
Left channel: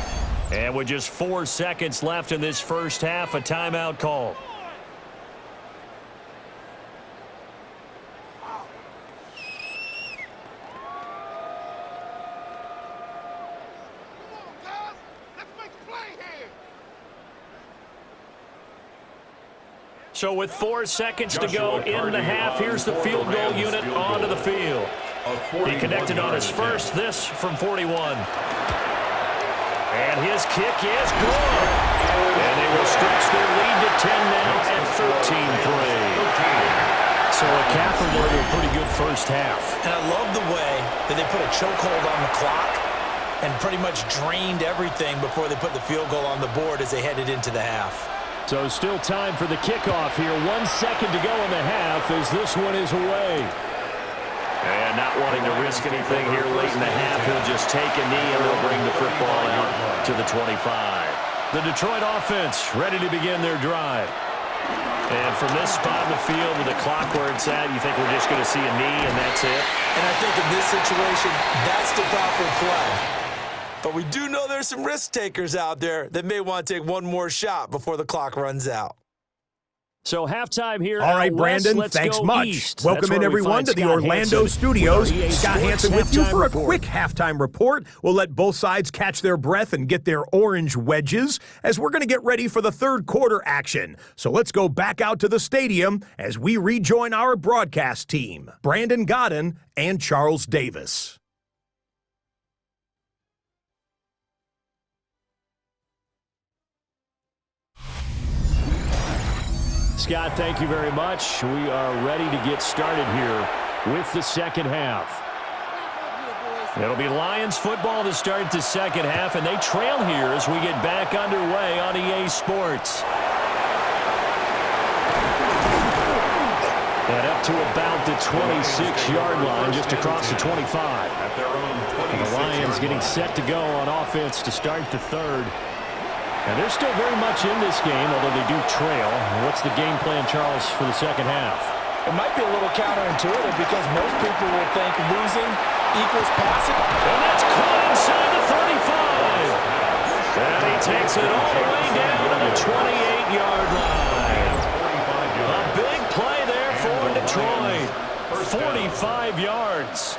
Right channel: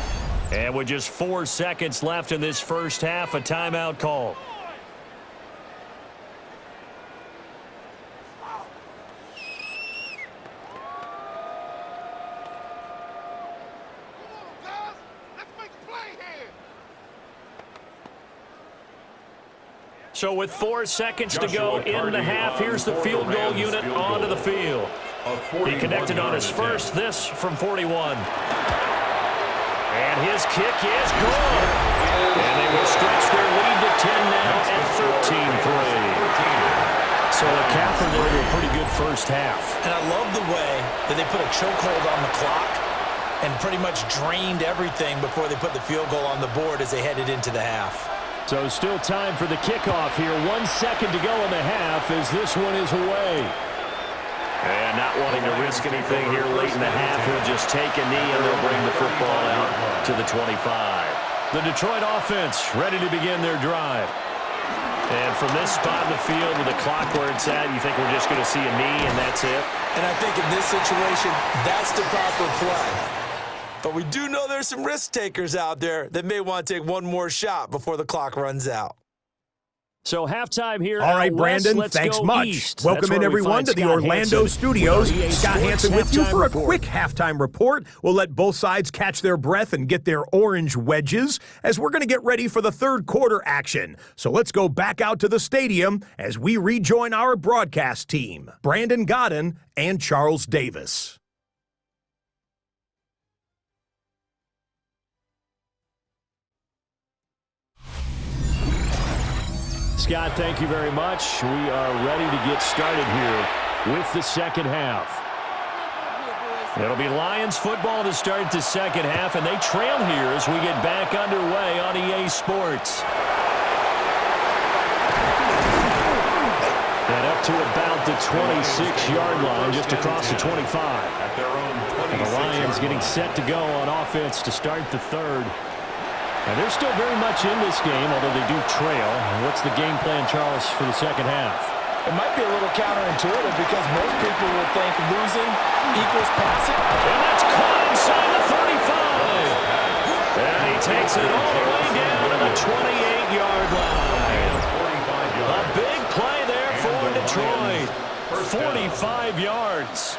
And with just 4 seconds left in this first half, a timeout call. So with 4 seconds to go in the half, here's the field goal unit onto the field. He connected on his first, this from 41. And his kick is good. And they will stretch their lead to 10 now at 13-3. So a capper there to a pretty good first half. And I love the way that they put a chokehold on the clock and pretty much drained everything before they put the field goal on the board as they headed into the half. So still time for the kickoff here. 1 second to go in the half as this one is away. And not wanting to risk anything here late in the half, he'll just take a knee and they'll bring the football out to the 25. The Detroit offense ready to begin their drive. And from this spot in the field with the clock where it's at, you think we're just going to see a knee and that's it? And I think in this situation, that's the proper play. But we do know there's some risk takers out there that may want to take one more shot before the clock runs out. So halftime here. All right, Brandon, Let's thanks go much. east. Welcome in, everyone, to the Orlando studios. Scott Hansen with you for a report. quick halftime report. We'll let both sides catch their breath and get their orange wedges as we're going to get ready for the third quarter action. So let's go back out to the stadium as we rejoin our broadcast team, Brandon Godden and Charles Davis. Scott, thank you very much. We are ready to get started here with the second half. It'll be Lions football to start the second half, and they trail here as we get back underway on EA Sports. And up to about the 26-yard line, just across the 25. At their own 26-yard And the Lions getting line. set to go on offense to start the third. And they're still very much in this game, although they do trail. What's the game plan, Charles, for the second half? It might be a little counterintuitive because most people will think losing equals passing. And that's caught inside the 35. And he takes it all the way down to the 28-yard line. A big play there for Detroit. 45 yards.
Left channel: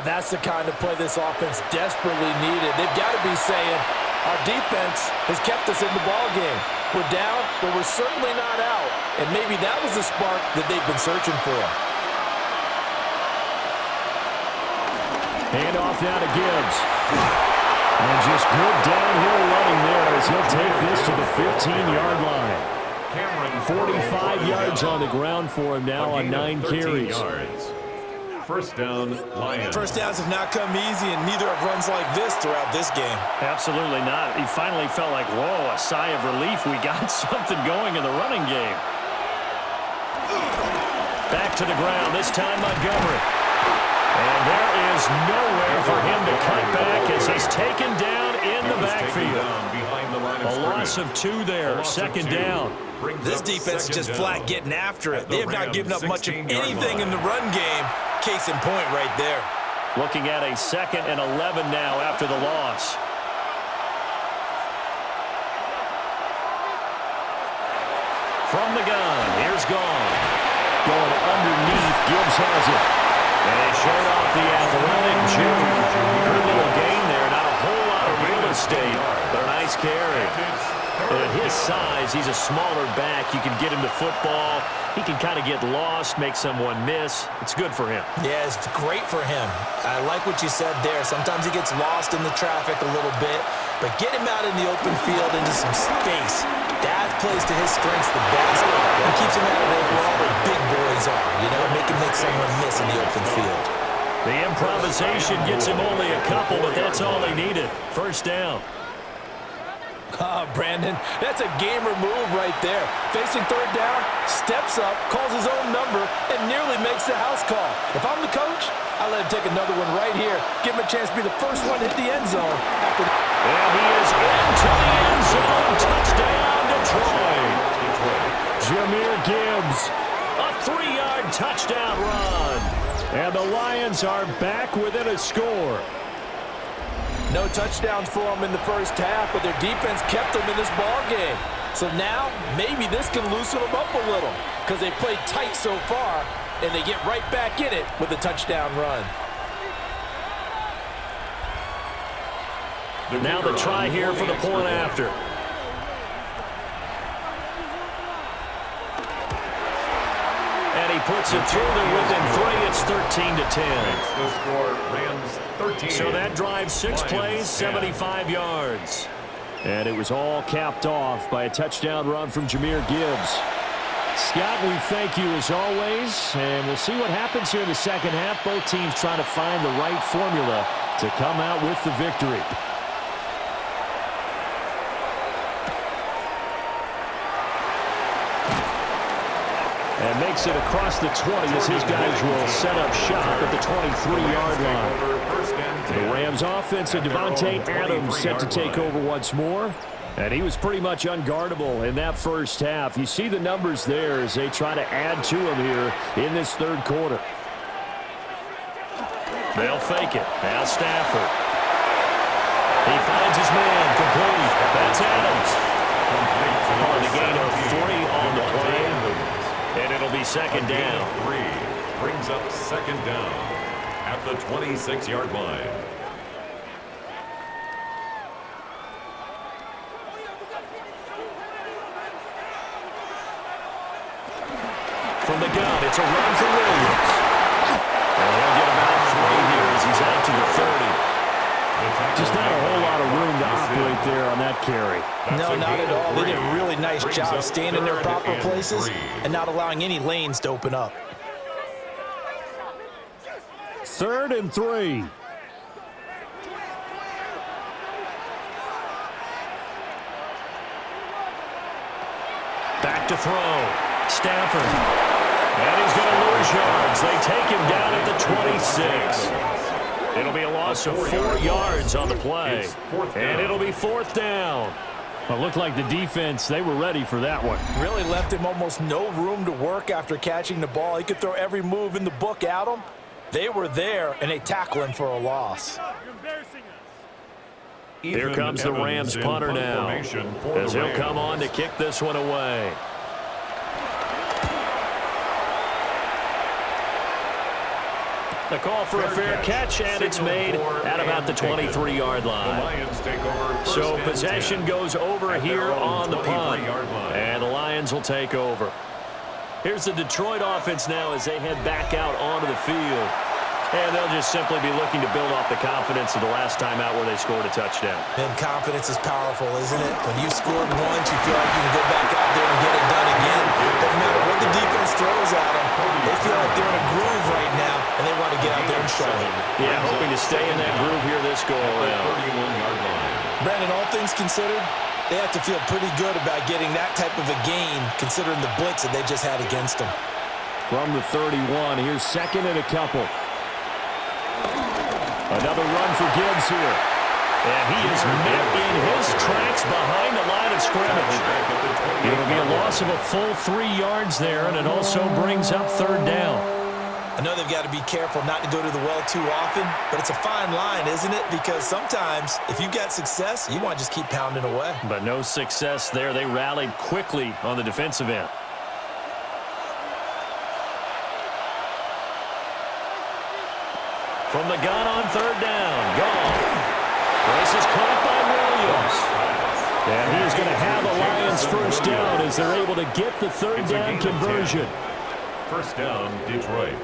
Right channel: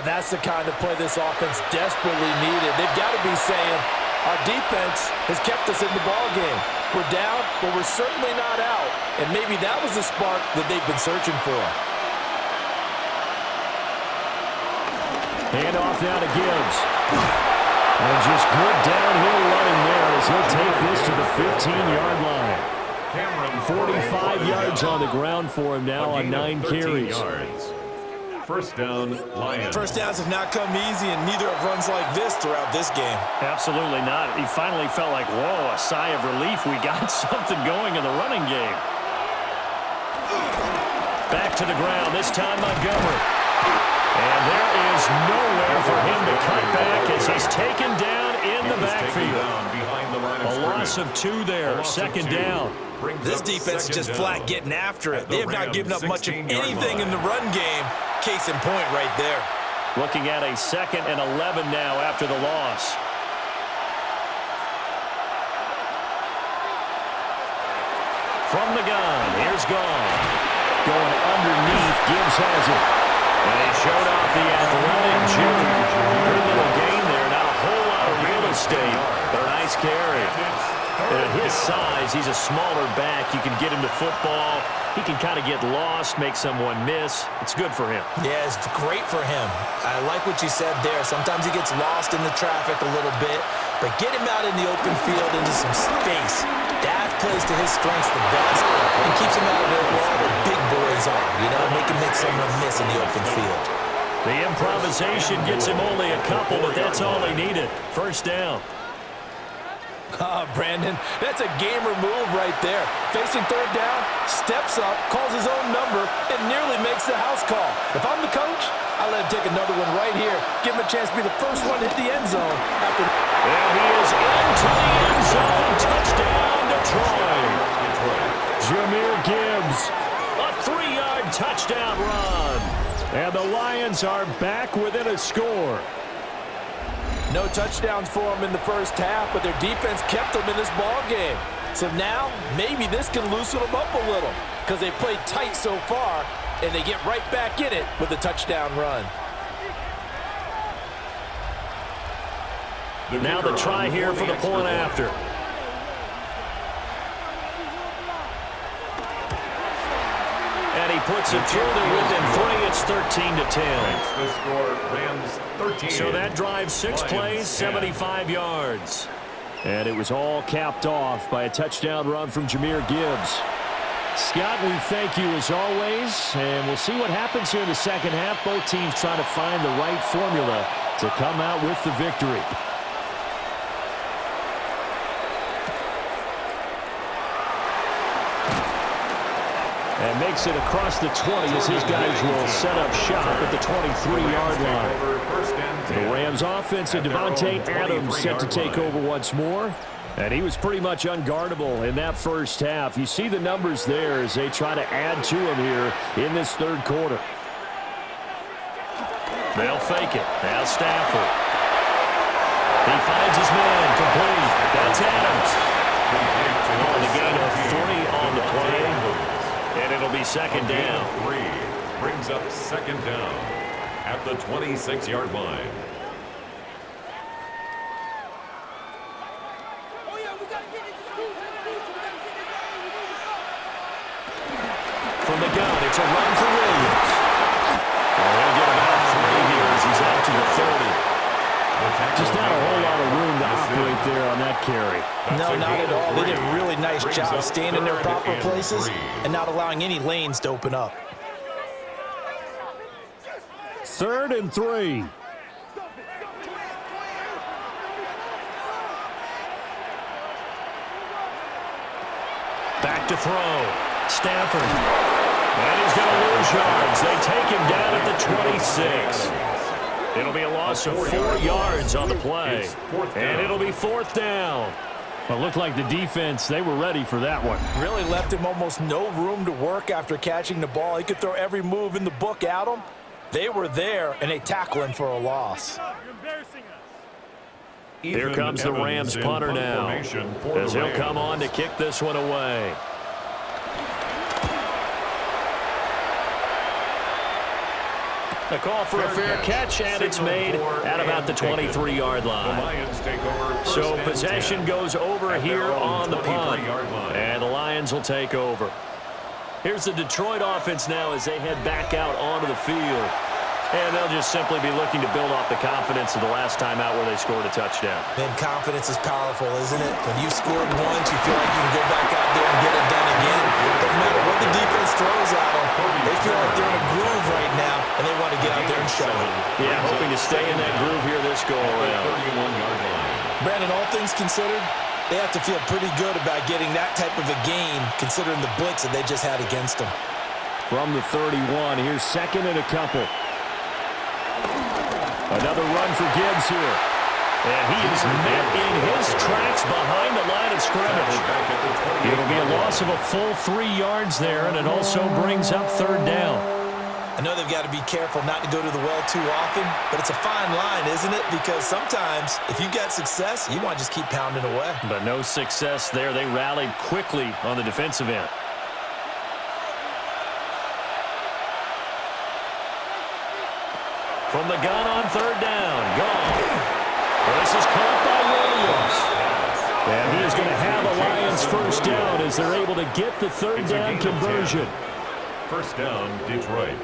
That's the kind of play this offense desperately needed. They've got to be saying, our defense has kept us in the ballgame. We're down, but we're certainly not out. And maybe that was the spark that they've been searching for. Hand off now to Gibbs. And just good downhill running there as he'll take this to the 15-yard line. 45 yards on the ground for him now on 9 carries. First down, Lions. First downs have not come easy, and neither have runs like this throughout this game. Absolutely not. He finally felt like, whoa, a sigh of relief. We got something going in the running game. Back to the ground, this time Montgomery. And there is nowhere for him to cut back as he's taken down in the backfield. A loss of 2 there, second down. This defense is just flat getting after it. They have not given up much of anything in the run game. Case in point right there. Looking at a 2nd and 11 now after the loss. From the gun, here's Gone. Going underneath, Gibbs has it. And he showed off the athletic juke. Good little gain there, not a whole lot of real estate, but a nice carry. And at his size, he's a smaller back. You can get him to football. He can kind of get lost, make someone miss. It's good for him. Yeah, it's great for him. I like what you said there. Sometimes he gets lost in the traffic a little bit, but get him out in the open field into some space. That plays to his strengths the best and keeps him out of it where all the big boys are, you know, make him make someone miss in the open field. The improvisation gets him only a couple, but that's all he needed. First down. Brandon, that's a gamer move right there. Facing third down, steps up, calls his own number, and nearly makes the house call. If I'm the coach, I let him take another one right here. Give him a chance to be the first one to hit the end zone. And he is into the end zone. Touchdown, Detroit. Jahmyr Gibbs, a 3-yard touchdown run. And the Lions are back within a score. No touchdowns for them in the first half, but their defense kept them in this ball game. So now, maybe this can loosen them up a little because they played tight so far, and they get right back in it with a touchdown run. Now the try here for the point after. And he puts it through there within 3. It's 13-10. The score, Rams 13. So that drive 6 plays, 75 yards. And it was all capped off by a touchdown run from Jahmyr Gibbs. Scott, we thank you as always, and we'll see what happens here in the second half. Both teams trying to find the right formula to come out with the victory. And makes it across the 20 as his guys will set up shop at the 23-yard line. The Rams offense and Devontae Adams set to take over once more. And he was pretty much unguardable in that first half. You see the numbers there as they try to add to him here in this third quarter. They'll fake it. Now Stafford. He finds his man. Complete. That's Adams. On the gain of 3 on the play. And it'll be second down. 3 brings up second down at the 26-yard line. From the gun, it's a run for Williams. And he'll get about 3 here as he's out to the 30. Just not a whole lot of room to operate there on that carry. No, not at all. They did a really nice job staying in their proper places and not allowing any lanes to open up. 3rd and 3. Back to throw. Stafford. And he's going to lose yards. They take him down at the 26. It'll be a loss of 4 yards on the play. And it'll be 4th down. Well, it looked like the defense, they were ready for that one. Really left him almost no room to work after catching the ball. He could throw every move in the book at him. They were there, and they tackle him for a loss. You're embarrassing us. Here comes the Rams punter now, as he'll come on to kick this one away. The call for a fair catch, and it's made at about the 23-yard line. So possession goes over here on the punt, and the Lions will take over. Here's the Detroit offense now as they head back out onto the field. And they'll just simply be looking to build off the confidence of the last time out where they scored a touchdown. And confidence is powerful, isn't it? When you scored once, you feel like you can go back out there and get it done again. Doesn't matter what the defense throws at them. They feel like they're in a groove right now, and they want to get out there and show it. Yeah, hoping to stay in that groove here this go-around. Brandon, all things considered, they have to feel pretty good about getting that type of a gain, considering the blitz that they just had against them. From the 31, here's 2nd and a couple. Another run for Gibbs here. And he is met in his tracks behind the line of scrimmage. It'll be a loss of a full 3 yards there, and it also brings up 3rd down. I know they've got to be careful not to go to the well too often, but it's a fine line, isn't it? Because sometimes, if you've got success, you want to just keep pounding away. But no success there. They rallied quickly on the defensive end. From the gun on 3rd down. Goff. This is caught by Williams. And he is going to have a Lions 1st down as they're able to get the 3rd down conversion. 1st down, Detroit.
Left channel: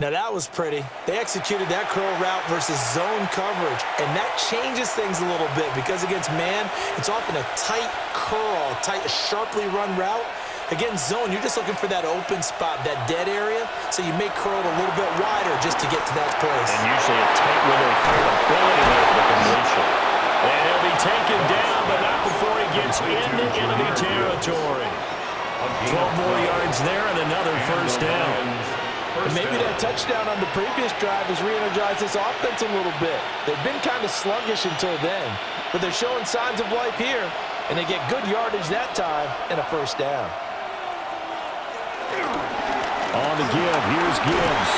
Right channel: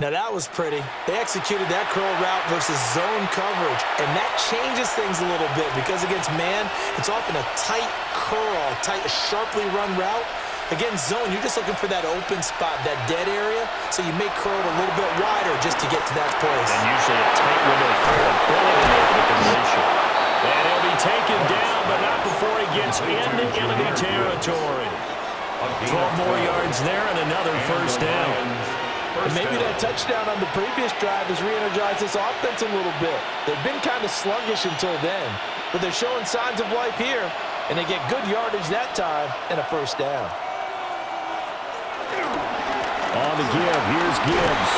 Now that was pretty. They executed that curl route versus zone coverage, and that changes things a little bit because against man, it's often a tight curl, a sharply run route. Against zone, you're just looking for that open spot, that dead area, so you may curl it a little bit wider just to get to that place. And usually a tight window to throw the bullet in there for the completion. And he'll be taken down, but not before he gets into enemy territory. 12 more yards there and another 1st down. And maybe that touchdown on the previous drive has re-energized this offense a little bit. They've been kind of sluggish until then, but they're showing signs of life here, and they get good yardage that time and a 1st down. On the give, here's Gibbs.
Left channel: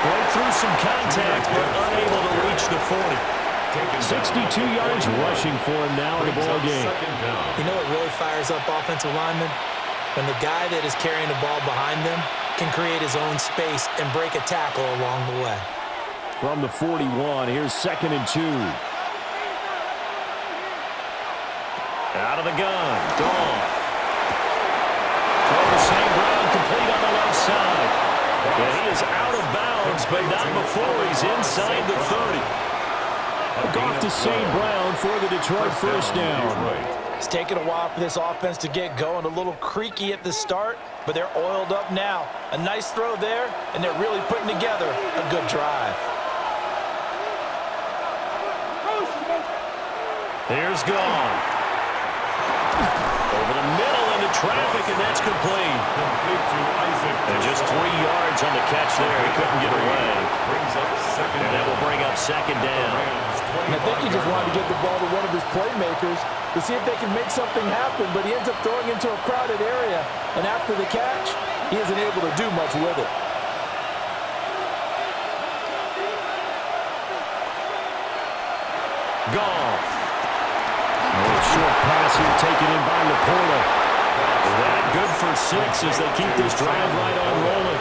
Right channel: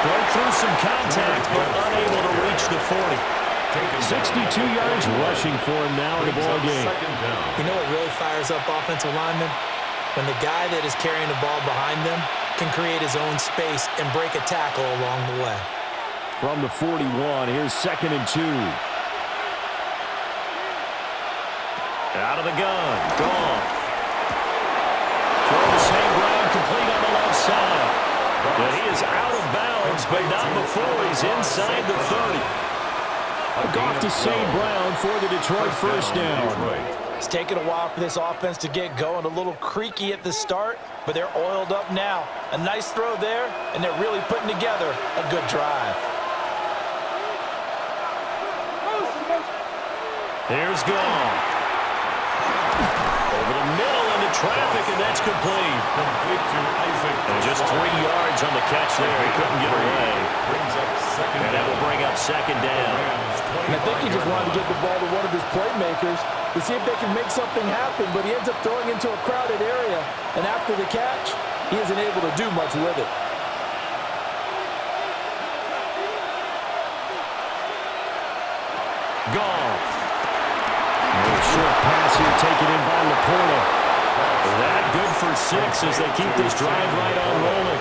Broke through some contact, but unable to reach the 40. 62 yards rushing for him now in the ball game. You know what really fires up offensive linemen? When the guy that is carrying the ball behind them can create his own space and break a tackle along the way. From the 41, here's 2nd and 2. Out of the gun, Goff. Throw to St. Brown, complete on the left side. And he is out of bounds, but not before he's inside the 30. Goff to St. Brown for the Detroit 1st down. It's taken a while for this offense to get going, a little creaky at the start, but they're oiled up now. A nice throw there, and they're really putting together a good drive. Here's Goff. Over the middle into traffic, and that's complete. Complete to Isaac. And just 3 yards on the catch there. He couldn't get away. Brings up 2nd down. And that will bring up 2nd down. And I think he just wanted to get the ball to one of his playmakers to see if they can make something happen, but he ends up throwing into a crowded area. And after the catch, he isn't able to do much with it. Goff. Short pass here taken in by Laporta. That good for 6 as they keep this drive right on rolling.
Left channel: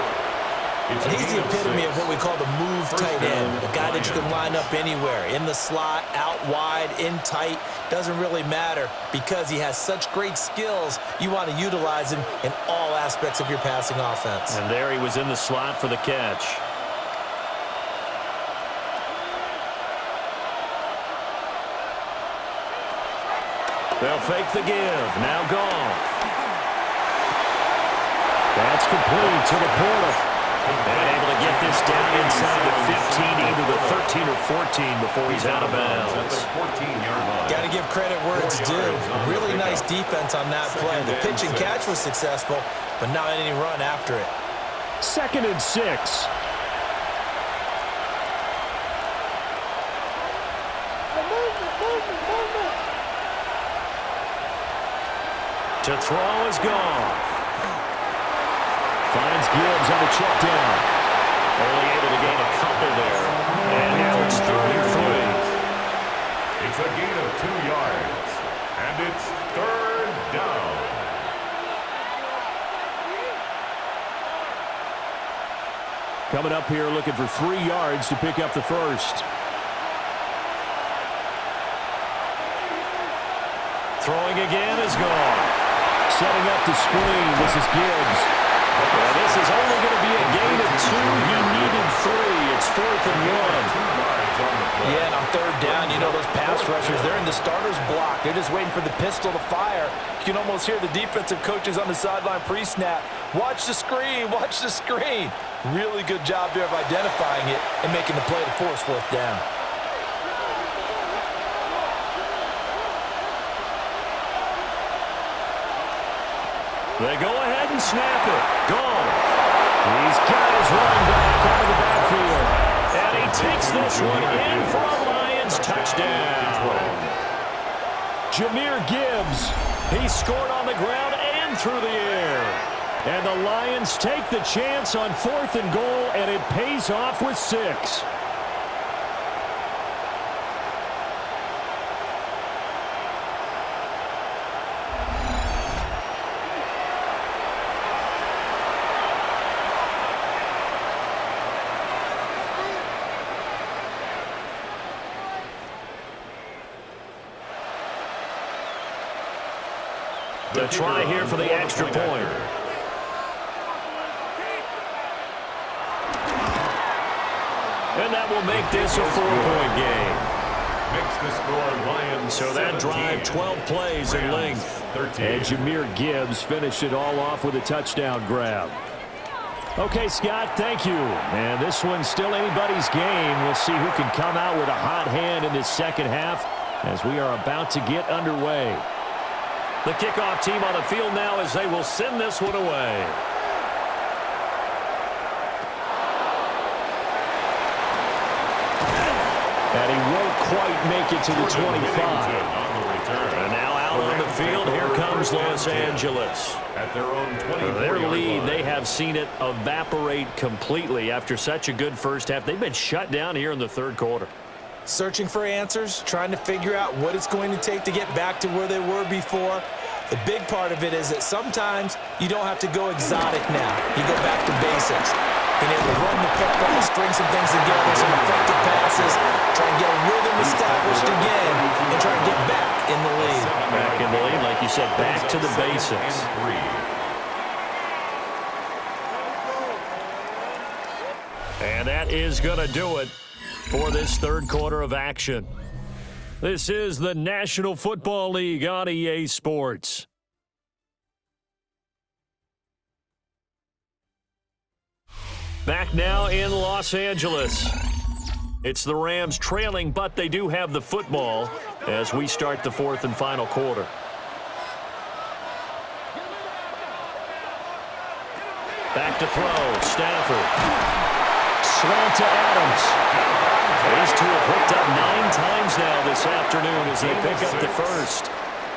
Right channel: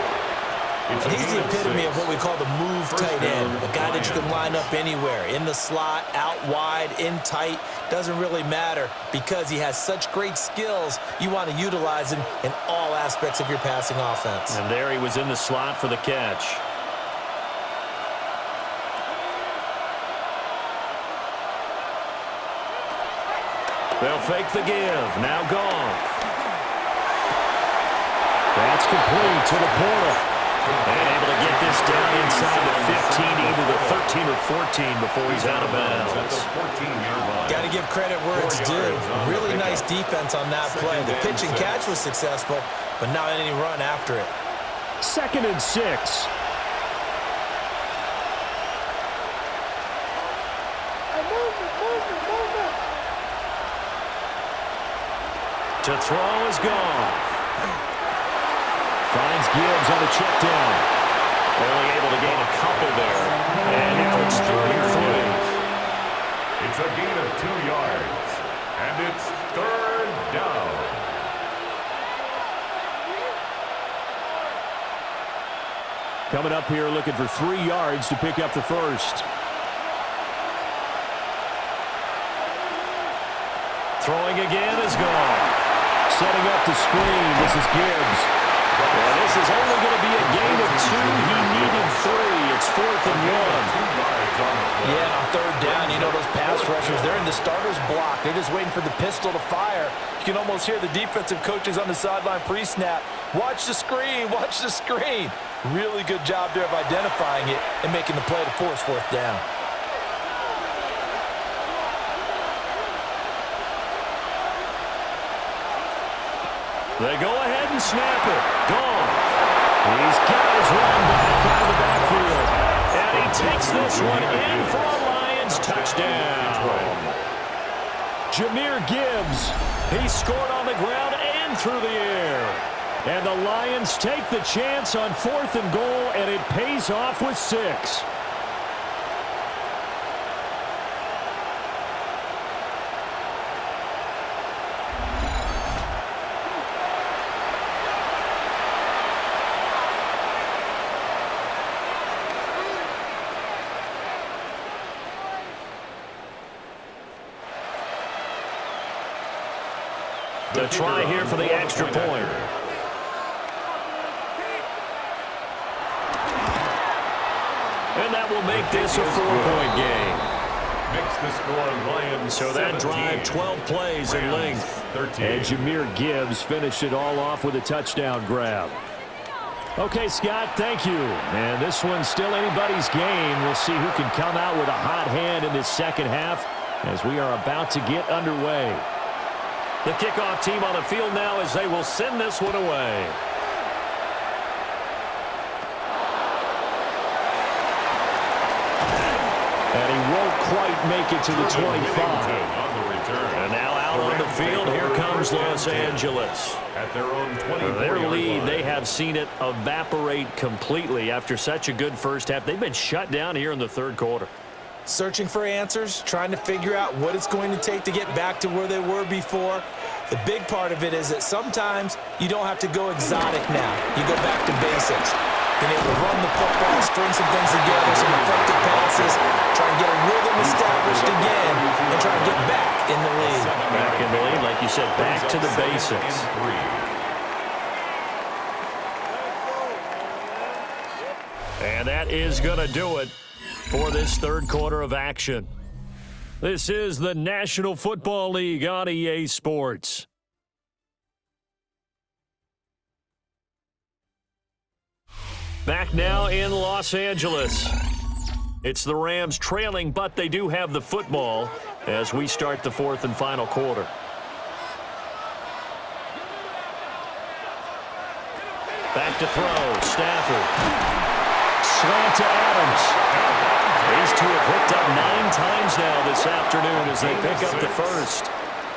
And he's the epitome of what we call the move tight end, a guy that you can line up anywhere, in the slot, out wide, in tight, doesn't really matter because he has such great skills. You want to utilize him in all aspects of your passing offense. And there he was in the slot for the catch. They'll fake the give. Now Goff. That's complete to Laporta. And able to get this down inside the 15, either the 13 or 14 before he's out of bounds. At the 14-yard line. Got to give credit where it's due. Really nice defense on that play. The pitch and catch was successful, but not any run after it. 2nd and 6. To throw is gone. Finds Gibbs on the check down. Only able to gain a couple there. And now it's 3rd and 3. It's a gain of 2 yards. And it's 3rd down. Coming up here looking for 3 yards to pick up the first. Throwing again is gone. Setting up the screen. This is Gibbs. Well, this is only going to be a gain of 2. He needed 3. It's 4th and 1. Yeah, and on 3rd down, you know those pass rushers, they're in the starter's block. They're just waiting for the pistol to fire. You can almost hear the defensive coaches on the sideline pre-snap. Watch the screen, watch the screen. Really good job there of identifying it and making the play to force 4th down. They go ahead and snap it. Gone. He's got his running back out of the backfield. And he takes this one in for a Lions touchdown. Jahmyr Gibbs. He scored on the ground and through the air. And the Lions take the chance on 4th and goal, and it pays off with 6. The try here for the extra point. And that will make this a 4-point game. Makes the score Lions. So that drive, 12 plays in length. 13. And Jahmyr Gibbs finished it all off with a touchdown grab. Okay, Scott, thank you. And this one's still anybody's game. We'll see who can come out with a hot hand in this second half as we are about to get underway. The kickoff team on the field now as they will send this one away. And he won't quite make it to the 25. On the return. And now out on the field, here comes Los Angeles. At their own 24-yard Their lead, line. they have seen it evaporate completely after such a good first half. They've been shut down here in the 3rd quarter. Searching for answers, trying to figure out what it's going to take to get back to where they were before. The big part of it is that sometimes you don't have to go exotic now. You go back to basics. Being able to run the football, string some things together, some effective passes, try and get a rhythm established again, and try and get back in the lead. Back in the lead, like you said, back to the basics. And that is going to do it for this 3rd quarter of action. This is the National Football League on EA Sports. Back now in Los Angeles. It's the Rams trailing, but they do have the football as we start the 4th and final quarter. Back to throw, Stafford. Slant to Adams. These two have hooked up 9 times now this afternoon as they pick up the first.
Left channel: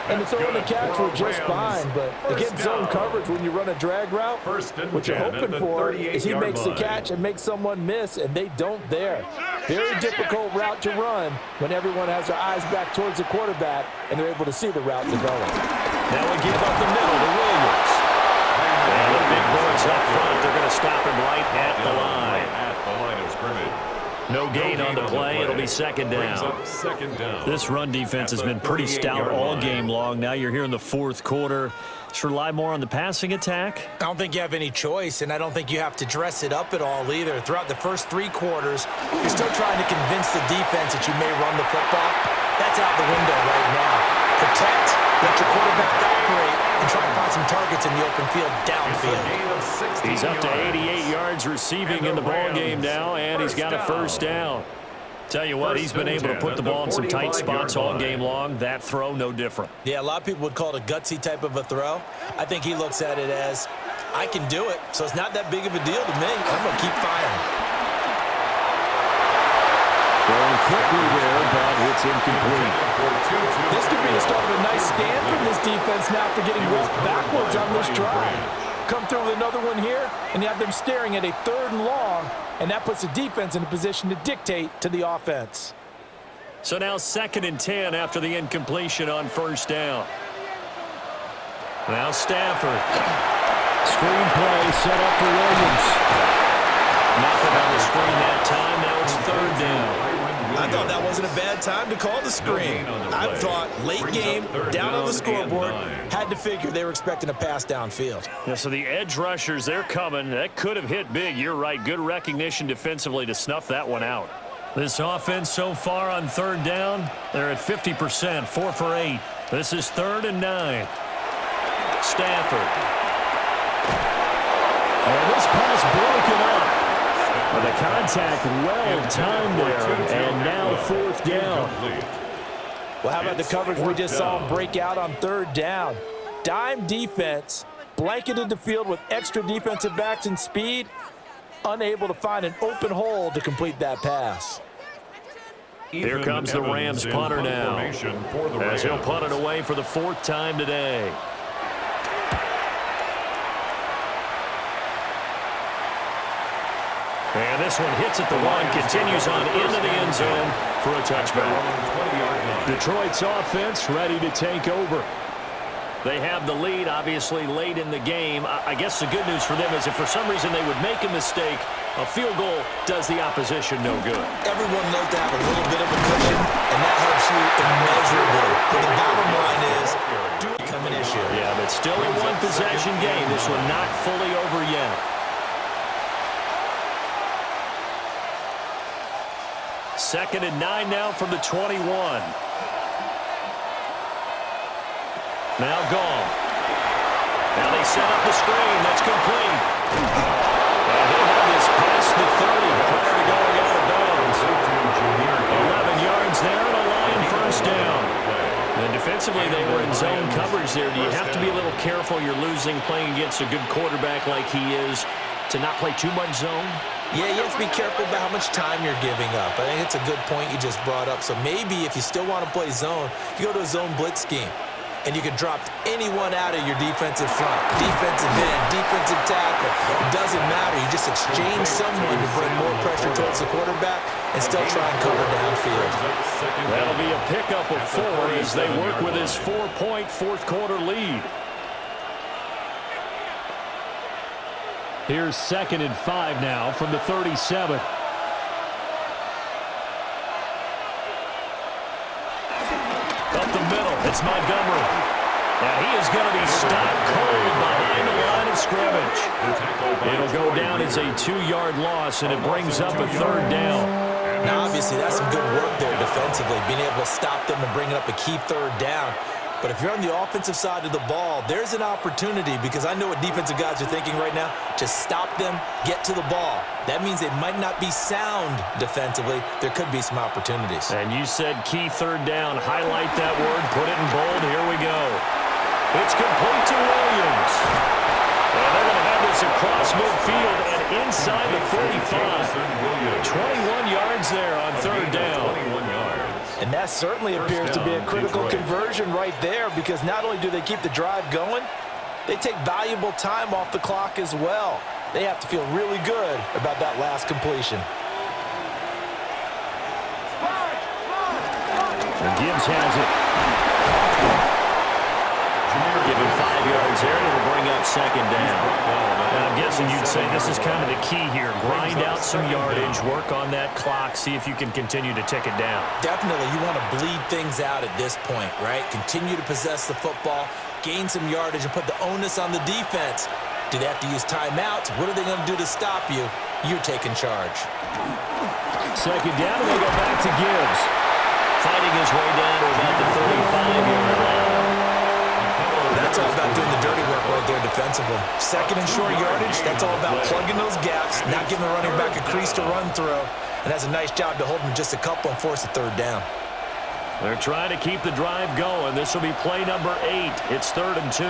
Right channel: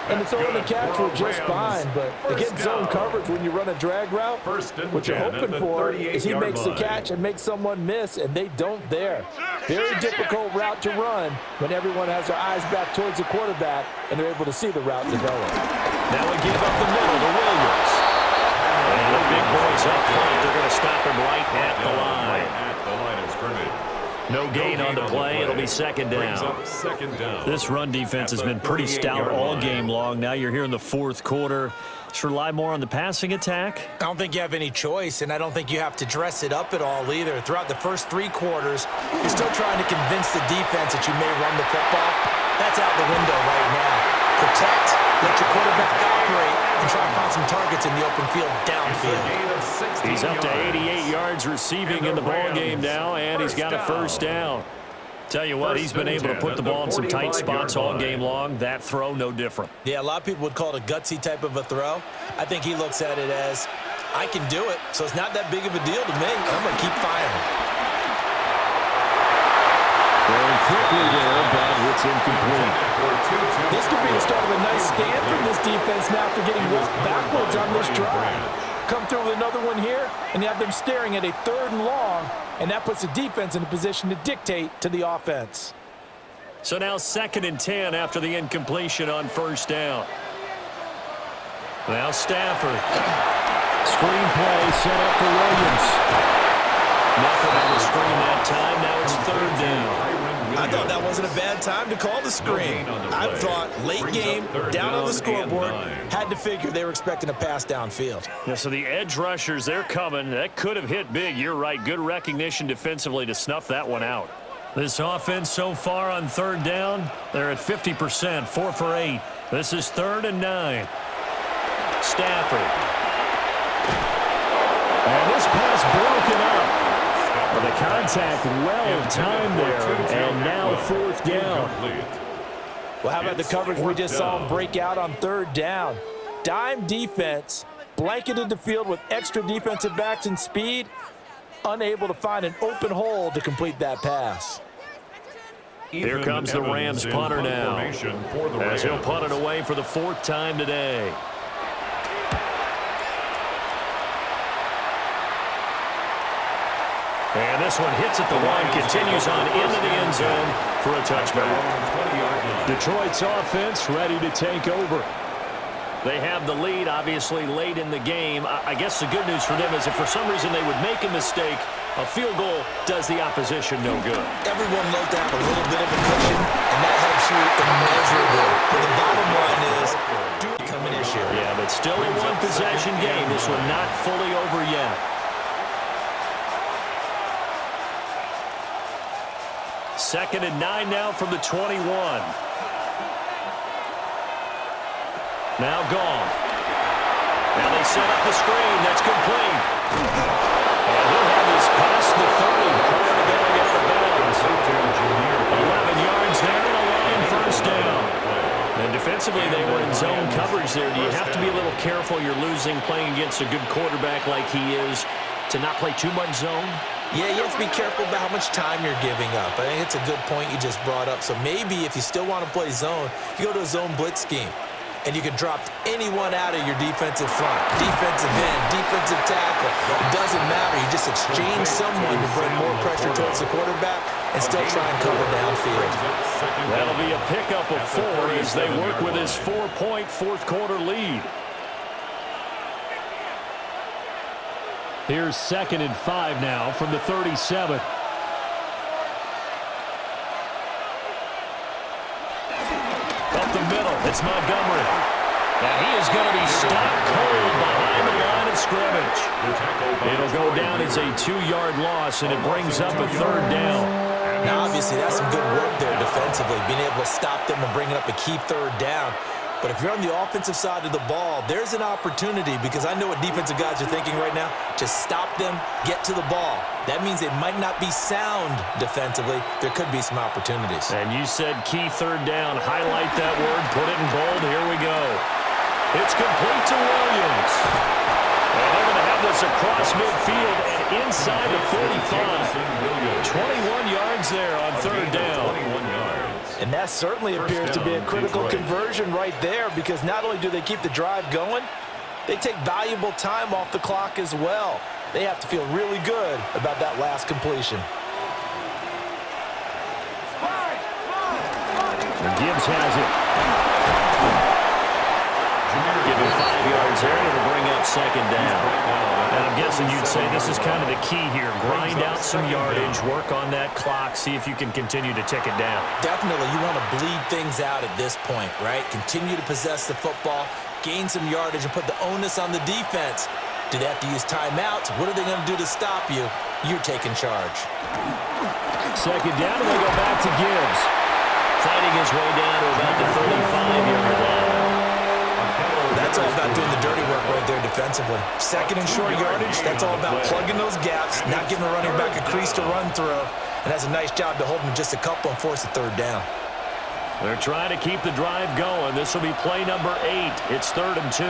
And the throw and the catch were just fine, but against zone coverage when you run a drag route, what you're hoping for is he makes the catch and makes someone miss, and they don't there. Very difficult route to run when everyone has their eyes back towards the quarterback and they're able to see the route develop. Now we give up the middle to Williams. And the big boys up front, they're going to stop him right at the line. At the line of scrimmage. No gain on the play. It'll be 2nd down. This run defense has been pretty stout all game long. Now you're here in the 4th quarter. Just rely more on the passing attack. I don't think you have any choice, and I don't think you have to dress it up at all either. Throughout the first 3 quarters, you're still trying to convince the defense that you may run the football. That's out the window right now. Protect Let your quarterback operate and try and find some targets in the open field downfield. He's up to 88 yards receiving in the ball game now, and he's got a first down. Tell you what, he's been able to put the ball in some tight spots all game long. That throw, no different. Yeah, a lot of people would call it a gutsy type of a throw. I think he looks at it as, I can do it, so it's not that big of a deal to me. I'm going to keep firing. Throwing quickly there, but it's incomplete. This could be the start of a nice stand from this defense now after getting walked backwards on this drive. Come through with another one here, and you have them staring at a 3rd and long, and that puts the defense in a position to dictate to the offense. So now 2nd and 10 after the incompletion on first down. Now Stafford. Screenplay set up for Williams. Nothing on the screen that time. Now it's 3rd down. I thought that wasn't a bad time to call the screen. I thought late game, down on the scoreboard, had to figure they were expecting a pass downfield. Yeah, so the edge rushers, they're coming. That could have hit big. You're right. Good recognition defensively to snuff that one out. This offense so far on 3rd down, they're at 50%, 4 for 8. This is 3rd and 9. Stafford. And this pass broken up. Well, the contact well-timed there, and now 4th down. Well, how about the coverage we just saw him break out on 3rd down? Dime defense, blanketed the field with extra defensive backs and speed, unable to find an open hole to complete that pass. Here comes the Rams punter now, as he'll punt it away for the 4th time today. And this one hits at the 1, continues on into the end zone for a touchback. Detroit's offense ready to take over. They have the lead, obviously, late in the game. I guess the good news for them is if for some reason they would make a mistake, a field goal does the opposition no good. Everyone loves to have a little bit of a cushion, and that helps you immeasurably. But the bottom line is, do it become an issue. Yeah, but still a one-possession game. This one not fully over yet. 2nd and 9 now from the 21. Now Goff. Now they set up the screen. That's complete. And he'll have this past the 30 prior to going out of bounds. 11 yards there and a Lion first down. And defensively, they were in zone coverage there. Do you have to be a little careful? You're losing playing against a good quarterback like he is to not play too much zone? Yeah, you have to be careful about how much time you're giving up. I think it's a good point you just brought up. So maybe if you still want to play zone, you go to a zone blitz scheme. And you can drop anyone out of your defensive front. Defensive end, defensive tackle. It doesn't matter. You just exchange someone to bring more pressure towards the quarterback and still try and cover downfield. That'll be a pickup of 4 as they work with his 4-point 4th quarter lead. Here's 2nd and 5 now from the 37. Up the middle, it's Montgomery. Now he is going to be stopped cold behind the line of scrimmage. It'll go down as a 2-yard loss, and it brings up a 3rd down. Now, obviously, that's some good work there defensively, being able to stop them and bringing up a key 3rd down. But if you're on the offensive side of the ball, there's an opportunity because I know what defensive guys are thinking right now. Just stop them, get to the ball. That means they might not be sound defensively. There could be some opportunities. And you said key 3rd down. Highlight that word. Put it in bold. Here we go. It's complete to Williams. And they're going to have this across midfield and inside the 45. 21 yards there on 3rd down. And that certainly appears to be a critical conversion right there because not only do they keep the drive going, they take valuable time off the clock as well. They have to feel really good about that last completion. And Gibbs has it. Give him 5 yards there, and it'll bring up 2nd down. And I'm guessing you'd say this is kind of the key here. Grind out some yardage, work on that clock, see if you can continue to tick it down. Definitely, you want to bleed things out at this point, right? Continue to possess the football, gain some yardage, and put the onus on the defense. Do they have to use timeouts? What are they going to do to stop you? You're taking charge. 2nd down, and they go back to Gibbs. Fighting his way down to about the 35-yard line. That's all about doing the dirty work right there defensively. Second and short yardage, that's all about plugging those gaps, not giving the running back a crease to run through, and that's a nice job to hold him just a couple and force a third down. They're trying to keep the drive going. This will be play number 8. It's 3rd and 2.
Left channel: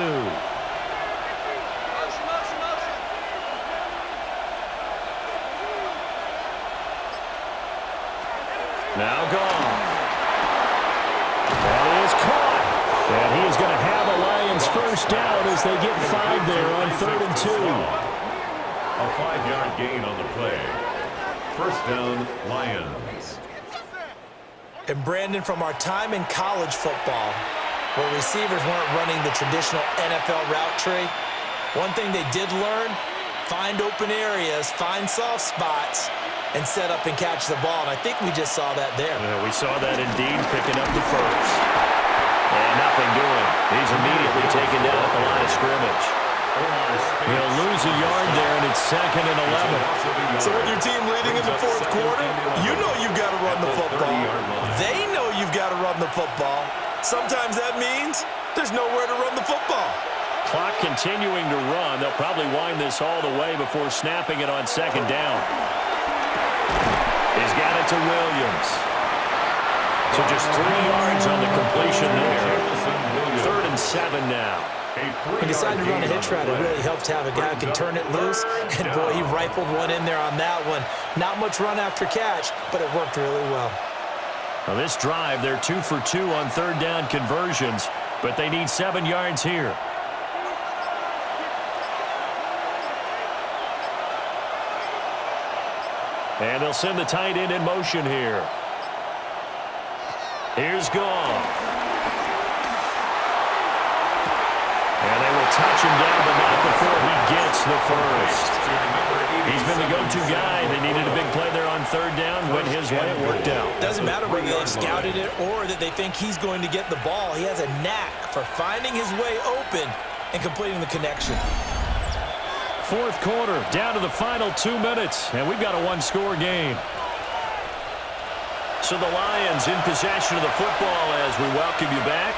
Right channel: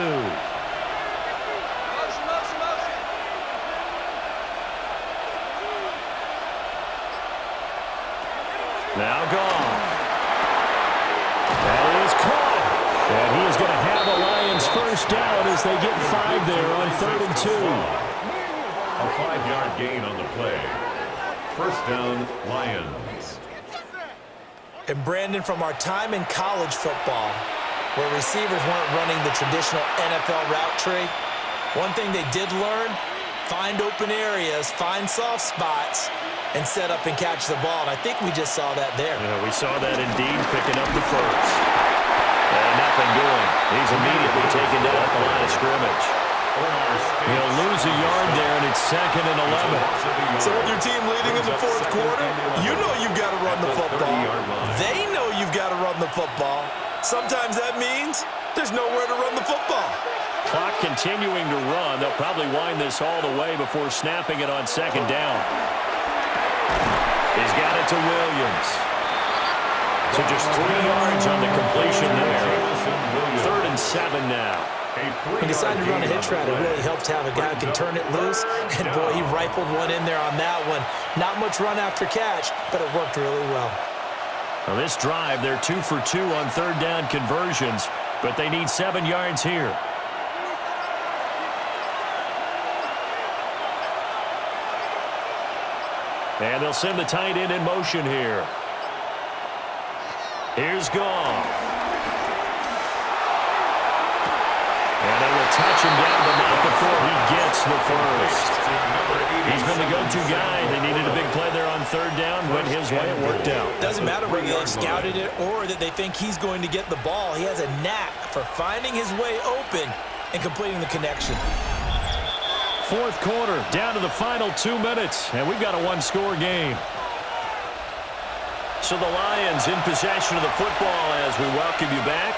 Now Goff. That is caught. And he is going to have a Lions first down as they get 5 there on 3rd and 2. A 5-yard gain on the play. First down, Lions. And Brandon, from our time in college football, where receivers weren't running the traditional NFL route tree, one thing they did learn, find open areas, find soft spots, and set up and catch the ball. And I think we just saw that there. Yeah, we saw that indeed, picking up the first. And nothing doing. He's immediately taken down at the line of scrimmage. He'll lose a yard there, and it's 2nd and 11. So with your team leading in the fourth quarter, you know you've got to run the football. They know you've got to run the football. Sometimes that means there's nowhere to run the football. Clock continuing to run. They'll probably wind this all the way before snapping it on 2nd down. He's got it to Williams. So just 3 yards on the completion there. 3rd and 7 now. He decided to run a hitch route. It really helps to have a guy who can turn it loose. And, boy, he rifled one in there on that one. Not much run after catch, but it worked really well. Now this drive, they're 2 for 2 on 3rd down conversions, but they need 7 yards here. And they'll send the tight end in motion here. Here's Goff. And they will touch him down, but not before he gets the first. He's been the go-to guy. They needed a big play there on 3rd down. Went his way. It worked out. Doesn't matter whether they've scouted it or that they think he's going to get the ball. He has a knack for finding his way open and completing the connection. 4th quarter, down to the final 2 minutes, and we've got a 1-score game. So the Lions in possession of the football as we welcome you back.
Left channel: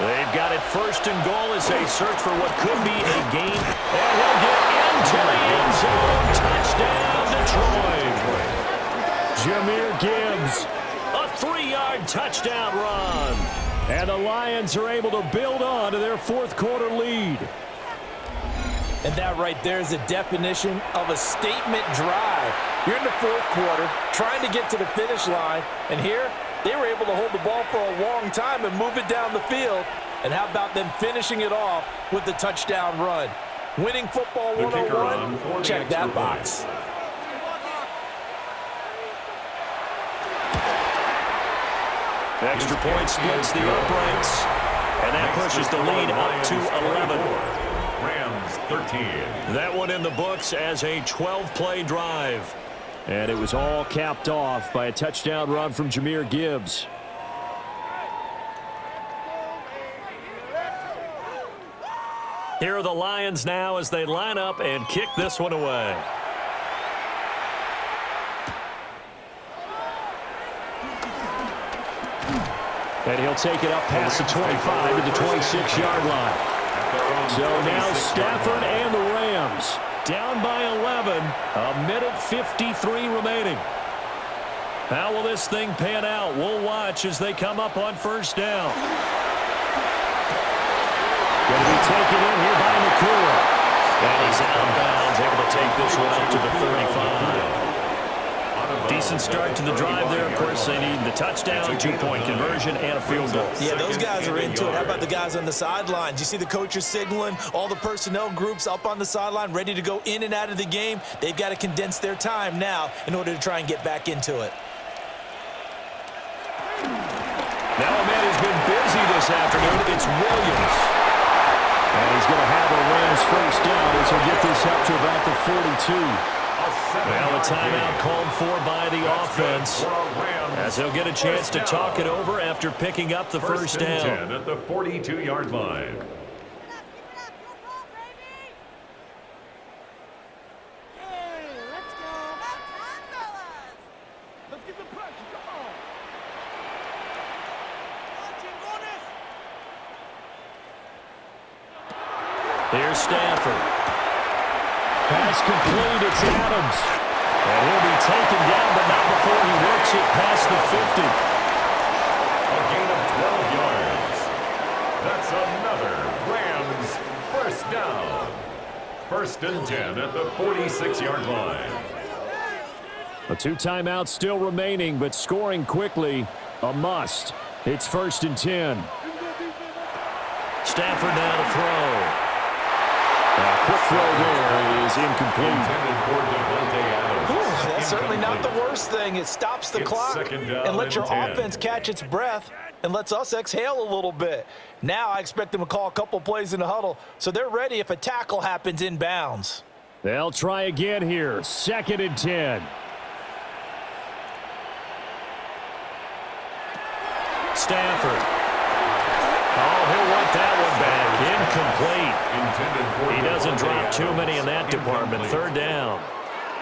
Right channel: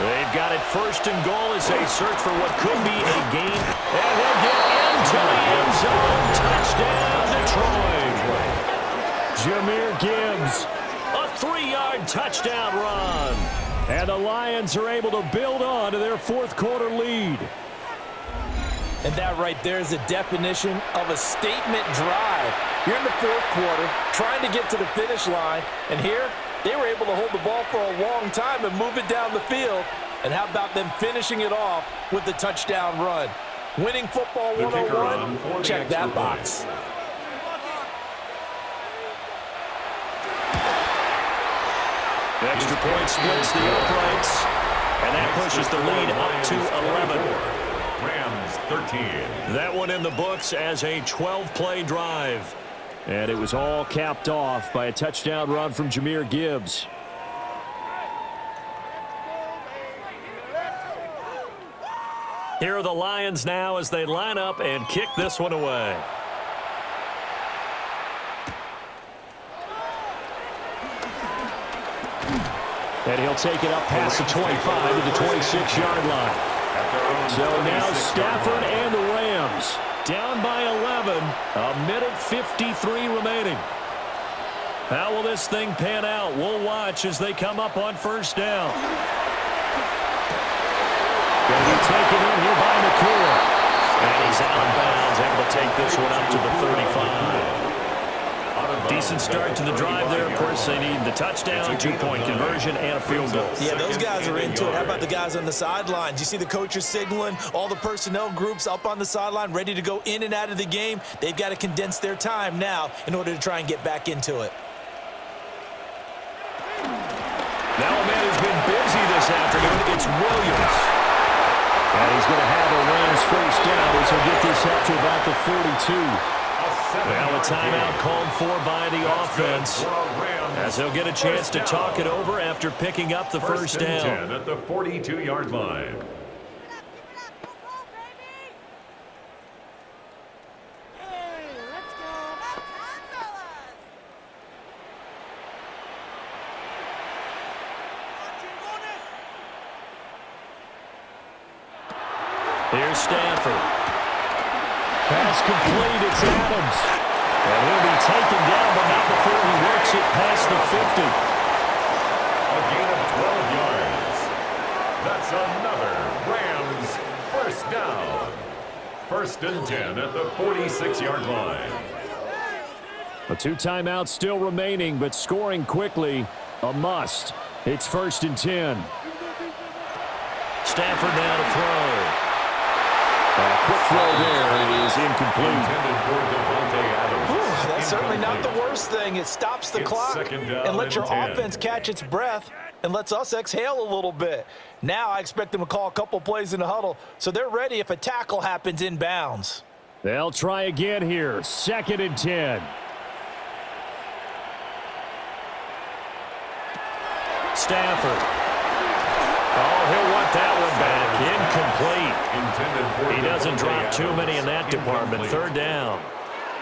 They've got it 1st and goal as they search for what could be a gain. And he'll get into the end zone. Touchdown, Detroit. Jahmyr Gibbs, a 3-yard touchdown run. And the Lions are able to build on to their 4th quarter lead. And that right there is the definition of a statement drive. You're in the 4th quarter, trying to get to the finish line, and here they were able to hold the ball for a long time and move it down the field. And how about them finishing it off with the touchdown run? Winning football 101, check that box. Extra point splits the uprights, and that pushes the lead up to 11. Rams 13. That one in the books as a 12-play drive. And it was all capped off by a touchdown run from Jahmyr Gibbs. Here are the Lions now as they line up and kick this one away. And he'll take it up past the 25 to the 26-yard line. So now Stafford and the Rams down by 11, a minute 53 remaining. How will this thing pan out? We'll watch as they come up on 1st down. Going to be taken in here by Nakua. And he's out of bounds, able to take this one up to the 35. Decent start to the drive there. Of course, they need the touchdown, 2-point conversion, and a field goal. Yeah, those guys are into it. How about the guys on the sidelines? You see the coaches signaling, all the personnel groups up on the sideline, ready to go in and out of the game. They've got to condense their time now in order to try and get back into it. Now a man who's been busy this afternoon, it's Williams. And he's going to have a Rams first down as he'll get this up to about the 42. Well, a timeout called for by the offense as they'll get a chance to talk it over after picking up the first down. 10 at the 42-yard line. Here's Stanford. Pass complete. It's Adams. And he'll be taken down, but not before he works it past the 50. A gain of 12 yards. That's another Rams first down. 1st and 10 at the 46-yard line. A 2 timeouts still remaining, but scoring quickly, a must. It's 1st and 10. Stafford now to throw. A quick throw there is incomplete. Intended for Devontae Adams. Whew, that's certainly not the worst thing. It stops the It's clock 2nd down and lets your and 10. offense catch its breath and lets us exhale a little bit. Now I expect them to call a couple plays in the huddle, so they're ready if a tackle happens inbounds. They'll try again here. 2nd and 10. Stafford. Oh, he'll want that one back. Incomplete. Intended for He doesn't Devontae drop too Adams. many in that department. Incomplete. 3rd down.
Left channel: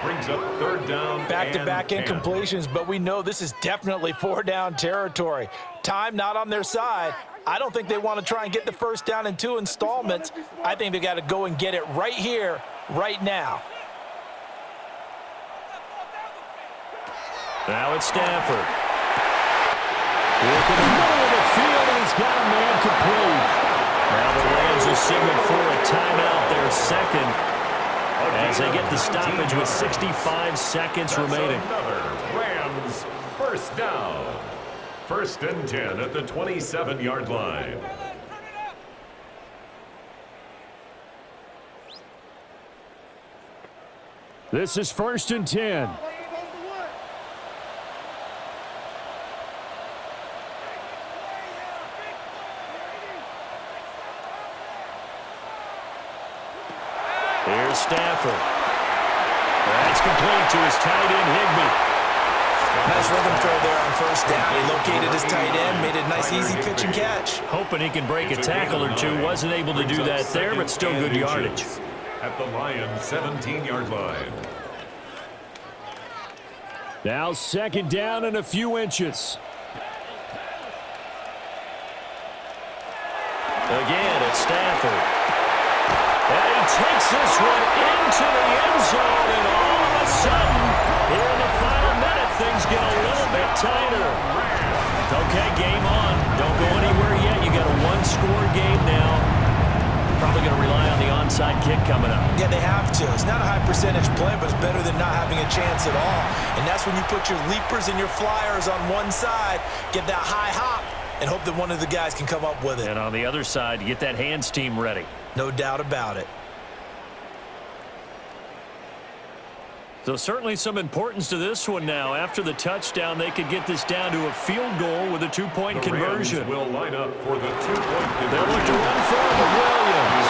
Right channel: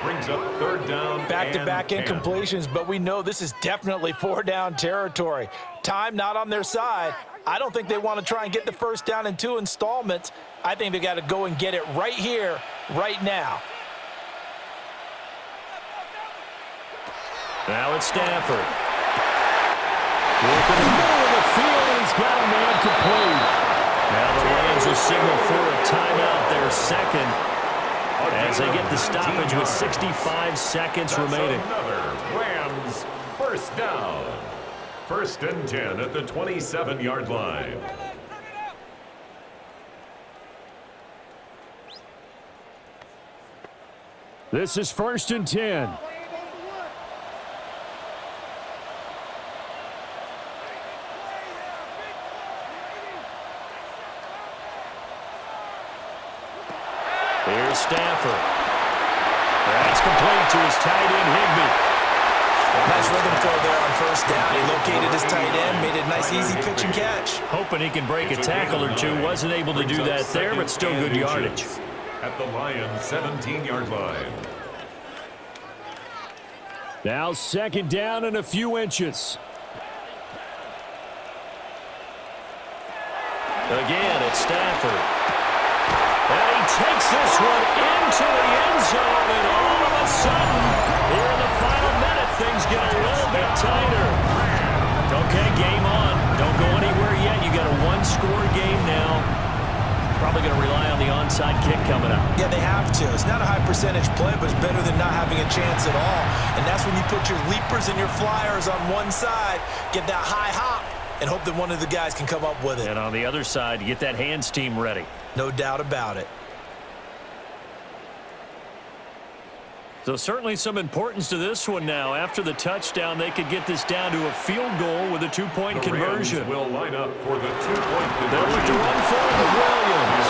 Brings up 3rd down. Back-to-back and 10. incompletions, but we know this is definitely 4-down territory. Time not on their side. I don't think they want to try and get the 1st down in 2 installments. I think they got to go and get it right here, right now. Now it's Stafford. Work in the middle of the field, and he's got a man complete. Now the Rams will signal for a timeout, their 2nd, as they get the stoppage with 65 seconds remaining. Another Rams first down. 1st and 10 at the 27-yard line. This is 1st and 10. Here's Stafford. That's complete to his tight end, Higbee. Nice rhythm throw there on 1st down. He located his tight end, made it a nice, easy pitch and catch. Hoping he can break a tackle or two. Wasn't able to do that there, but still good yardage. At the Lions' 17-yard line. Now 2nd down and a few inches. Again, it's Stafford. And he takes this one into the end zone, and all of a sudden, here in the final minute, things get a little bit tighter. Okay, game on. Don't go anywhere yet. You got a 1-score game now. Probably going to rely on the onside kick coming up. Yeah, they have to. It's not a high percentage play, but it's better than not having a chance at all. And that's when you put your leapers and your flyers on one side, get that high hop, and hope that one of the guys can come up with it. And on the other side, get that hands team ready. No doubt about it. So certainly some importance to this one now. After the touchdown, they could get this down to a field goal with a 2-point The conversion. Rams will line up for the 2-point conversion. They'll look to run forward with Williams.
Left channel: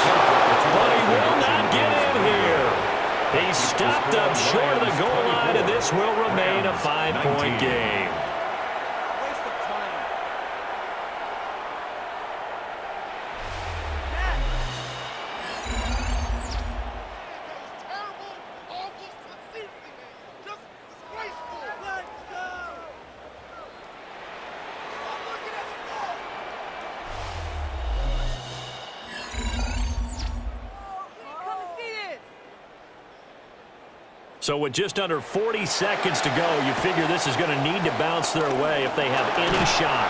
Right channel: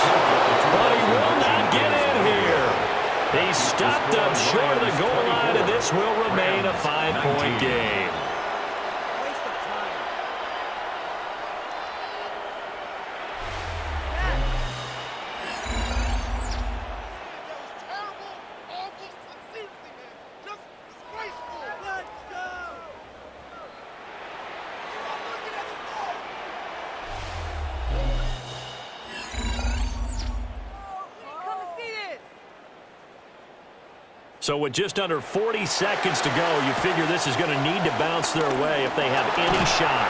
But he will not get in here. He's stopped up short of the goal line, and this will remain a 5-point game. Waste of time. That was terrible, awful, seriously, man. Just disgraceful. Let's go. I'm looking at the ball. Come and see this. So with just under 40 seconds to go, you figure this is going to need to bounce their way if they have any shot.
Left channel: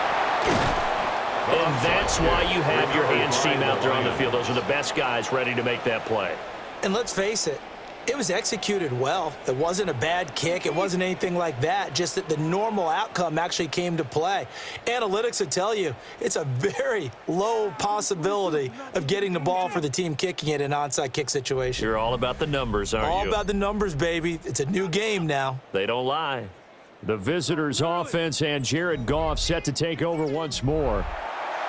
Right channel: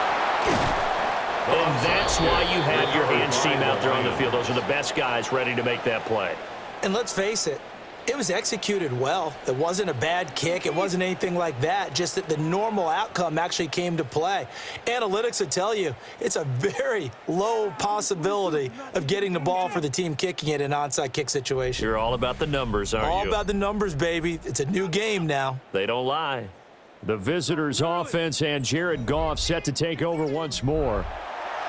And that's why you have your hands team out there on the field. Those are the best guys ready to make that play. And let's face it, it was executed well. It wasn't a bad kick. It wasn't anything like that, just that the normal outcome actually came to play. Analytics will tell you it's a very low possibility of getting the ball for the team kicking it in an onside kick situation. You're all about the numbers, aren't you? All about the numbers, baby. It's a new game now. They don't lie. The visitors' offense and Jared Goff set to take over once more.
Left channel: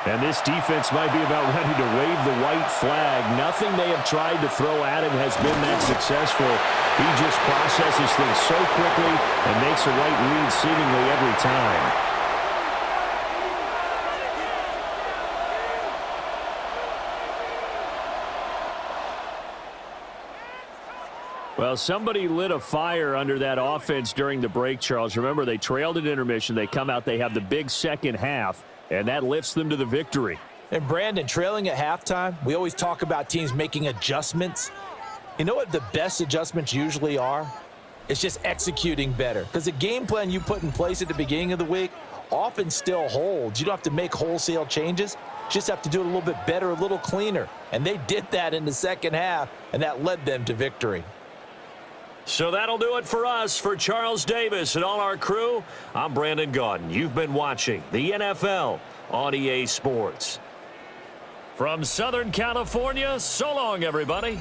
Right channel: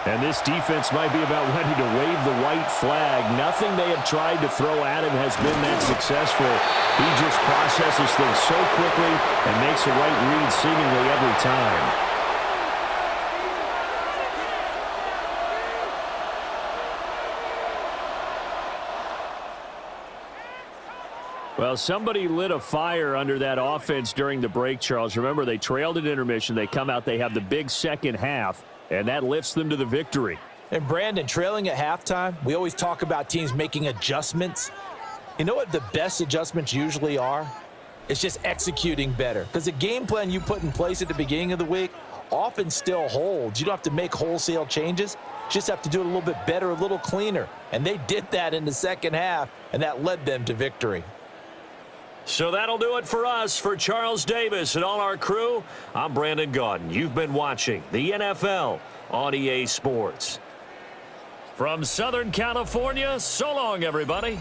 And this defense might be about ready to wave the white flag. Nothing they have tried to throw at him has been that successful. He just processes things so quickly and makes a right read seemingly every time. Well, somebody lit a fire under that offense during the break, Charles. Remember, they trailed at intermission. They come out, they have the big second half, and that lifts them to the victory. And Brandon, trailing at halftime, we always talk about teams making adjustments. You know what the best adjustments usually are? It's just executing better. Because the game plan you put in place at the beginning of the week often still holds. You don't have to make wholesale changes. You just have to do it a little bit better, a little cleaner. And they did that in the second half, and that led them to victory. So that'll do it for us. For Charles Davis and all our crew, I'm Brandon Gaudin. You've been watching the NFL on EA Sports. From Southern California, so long, everybody.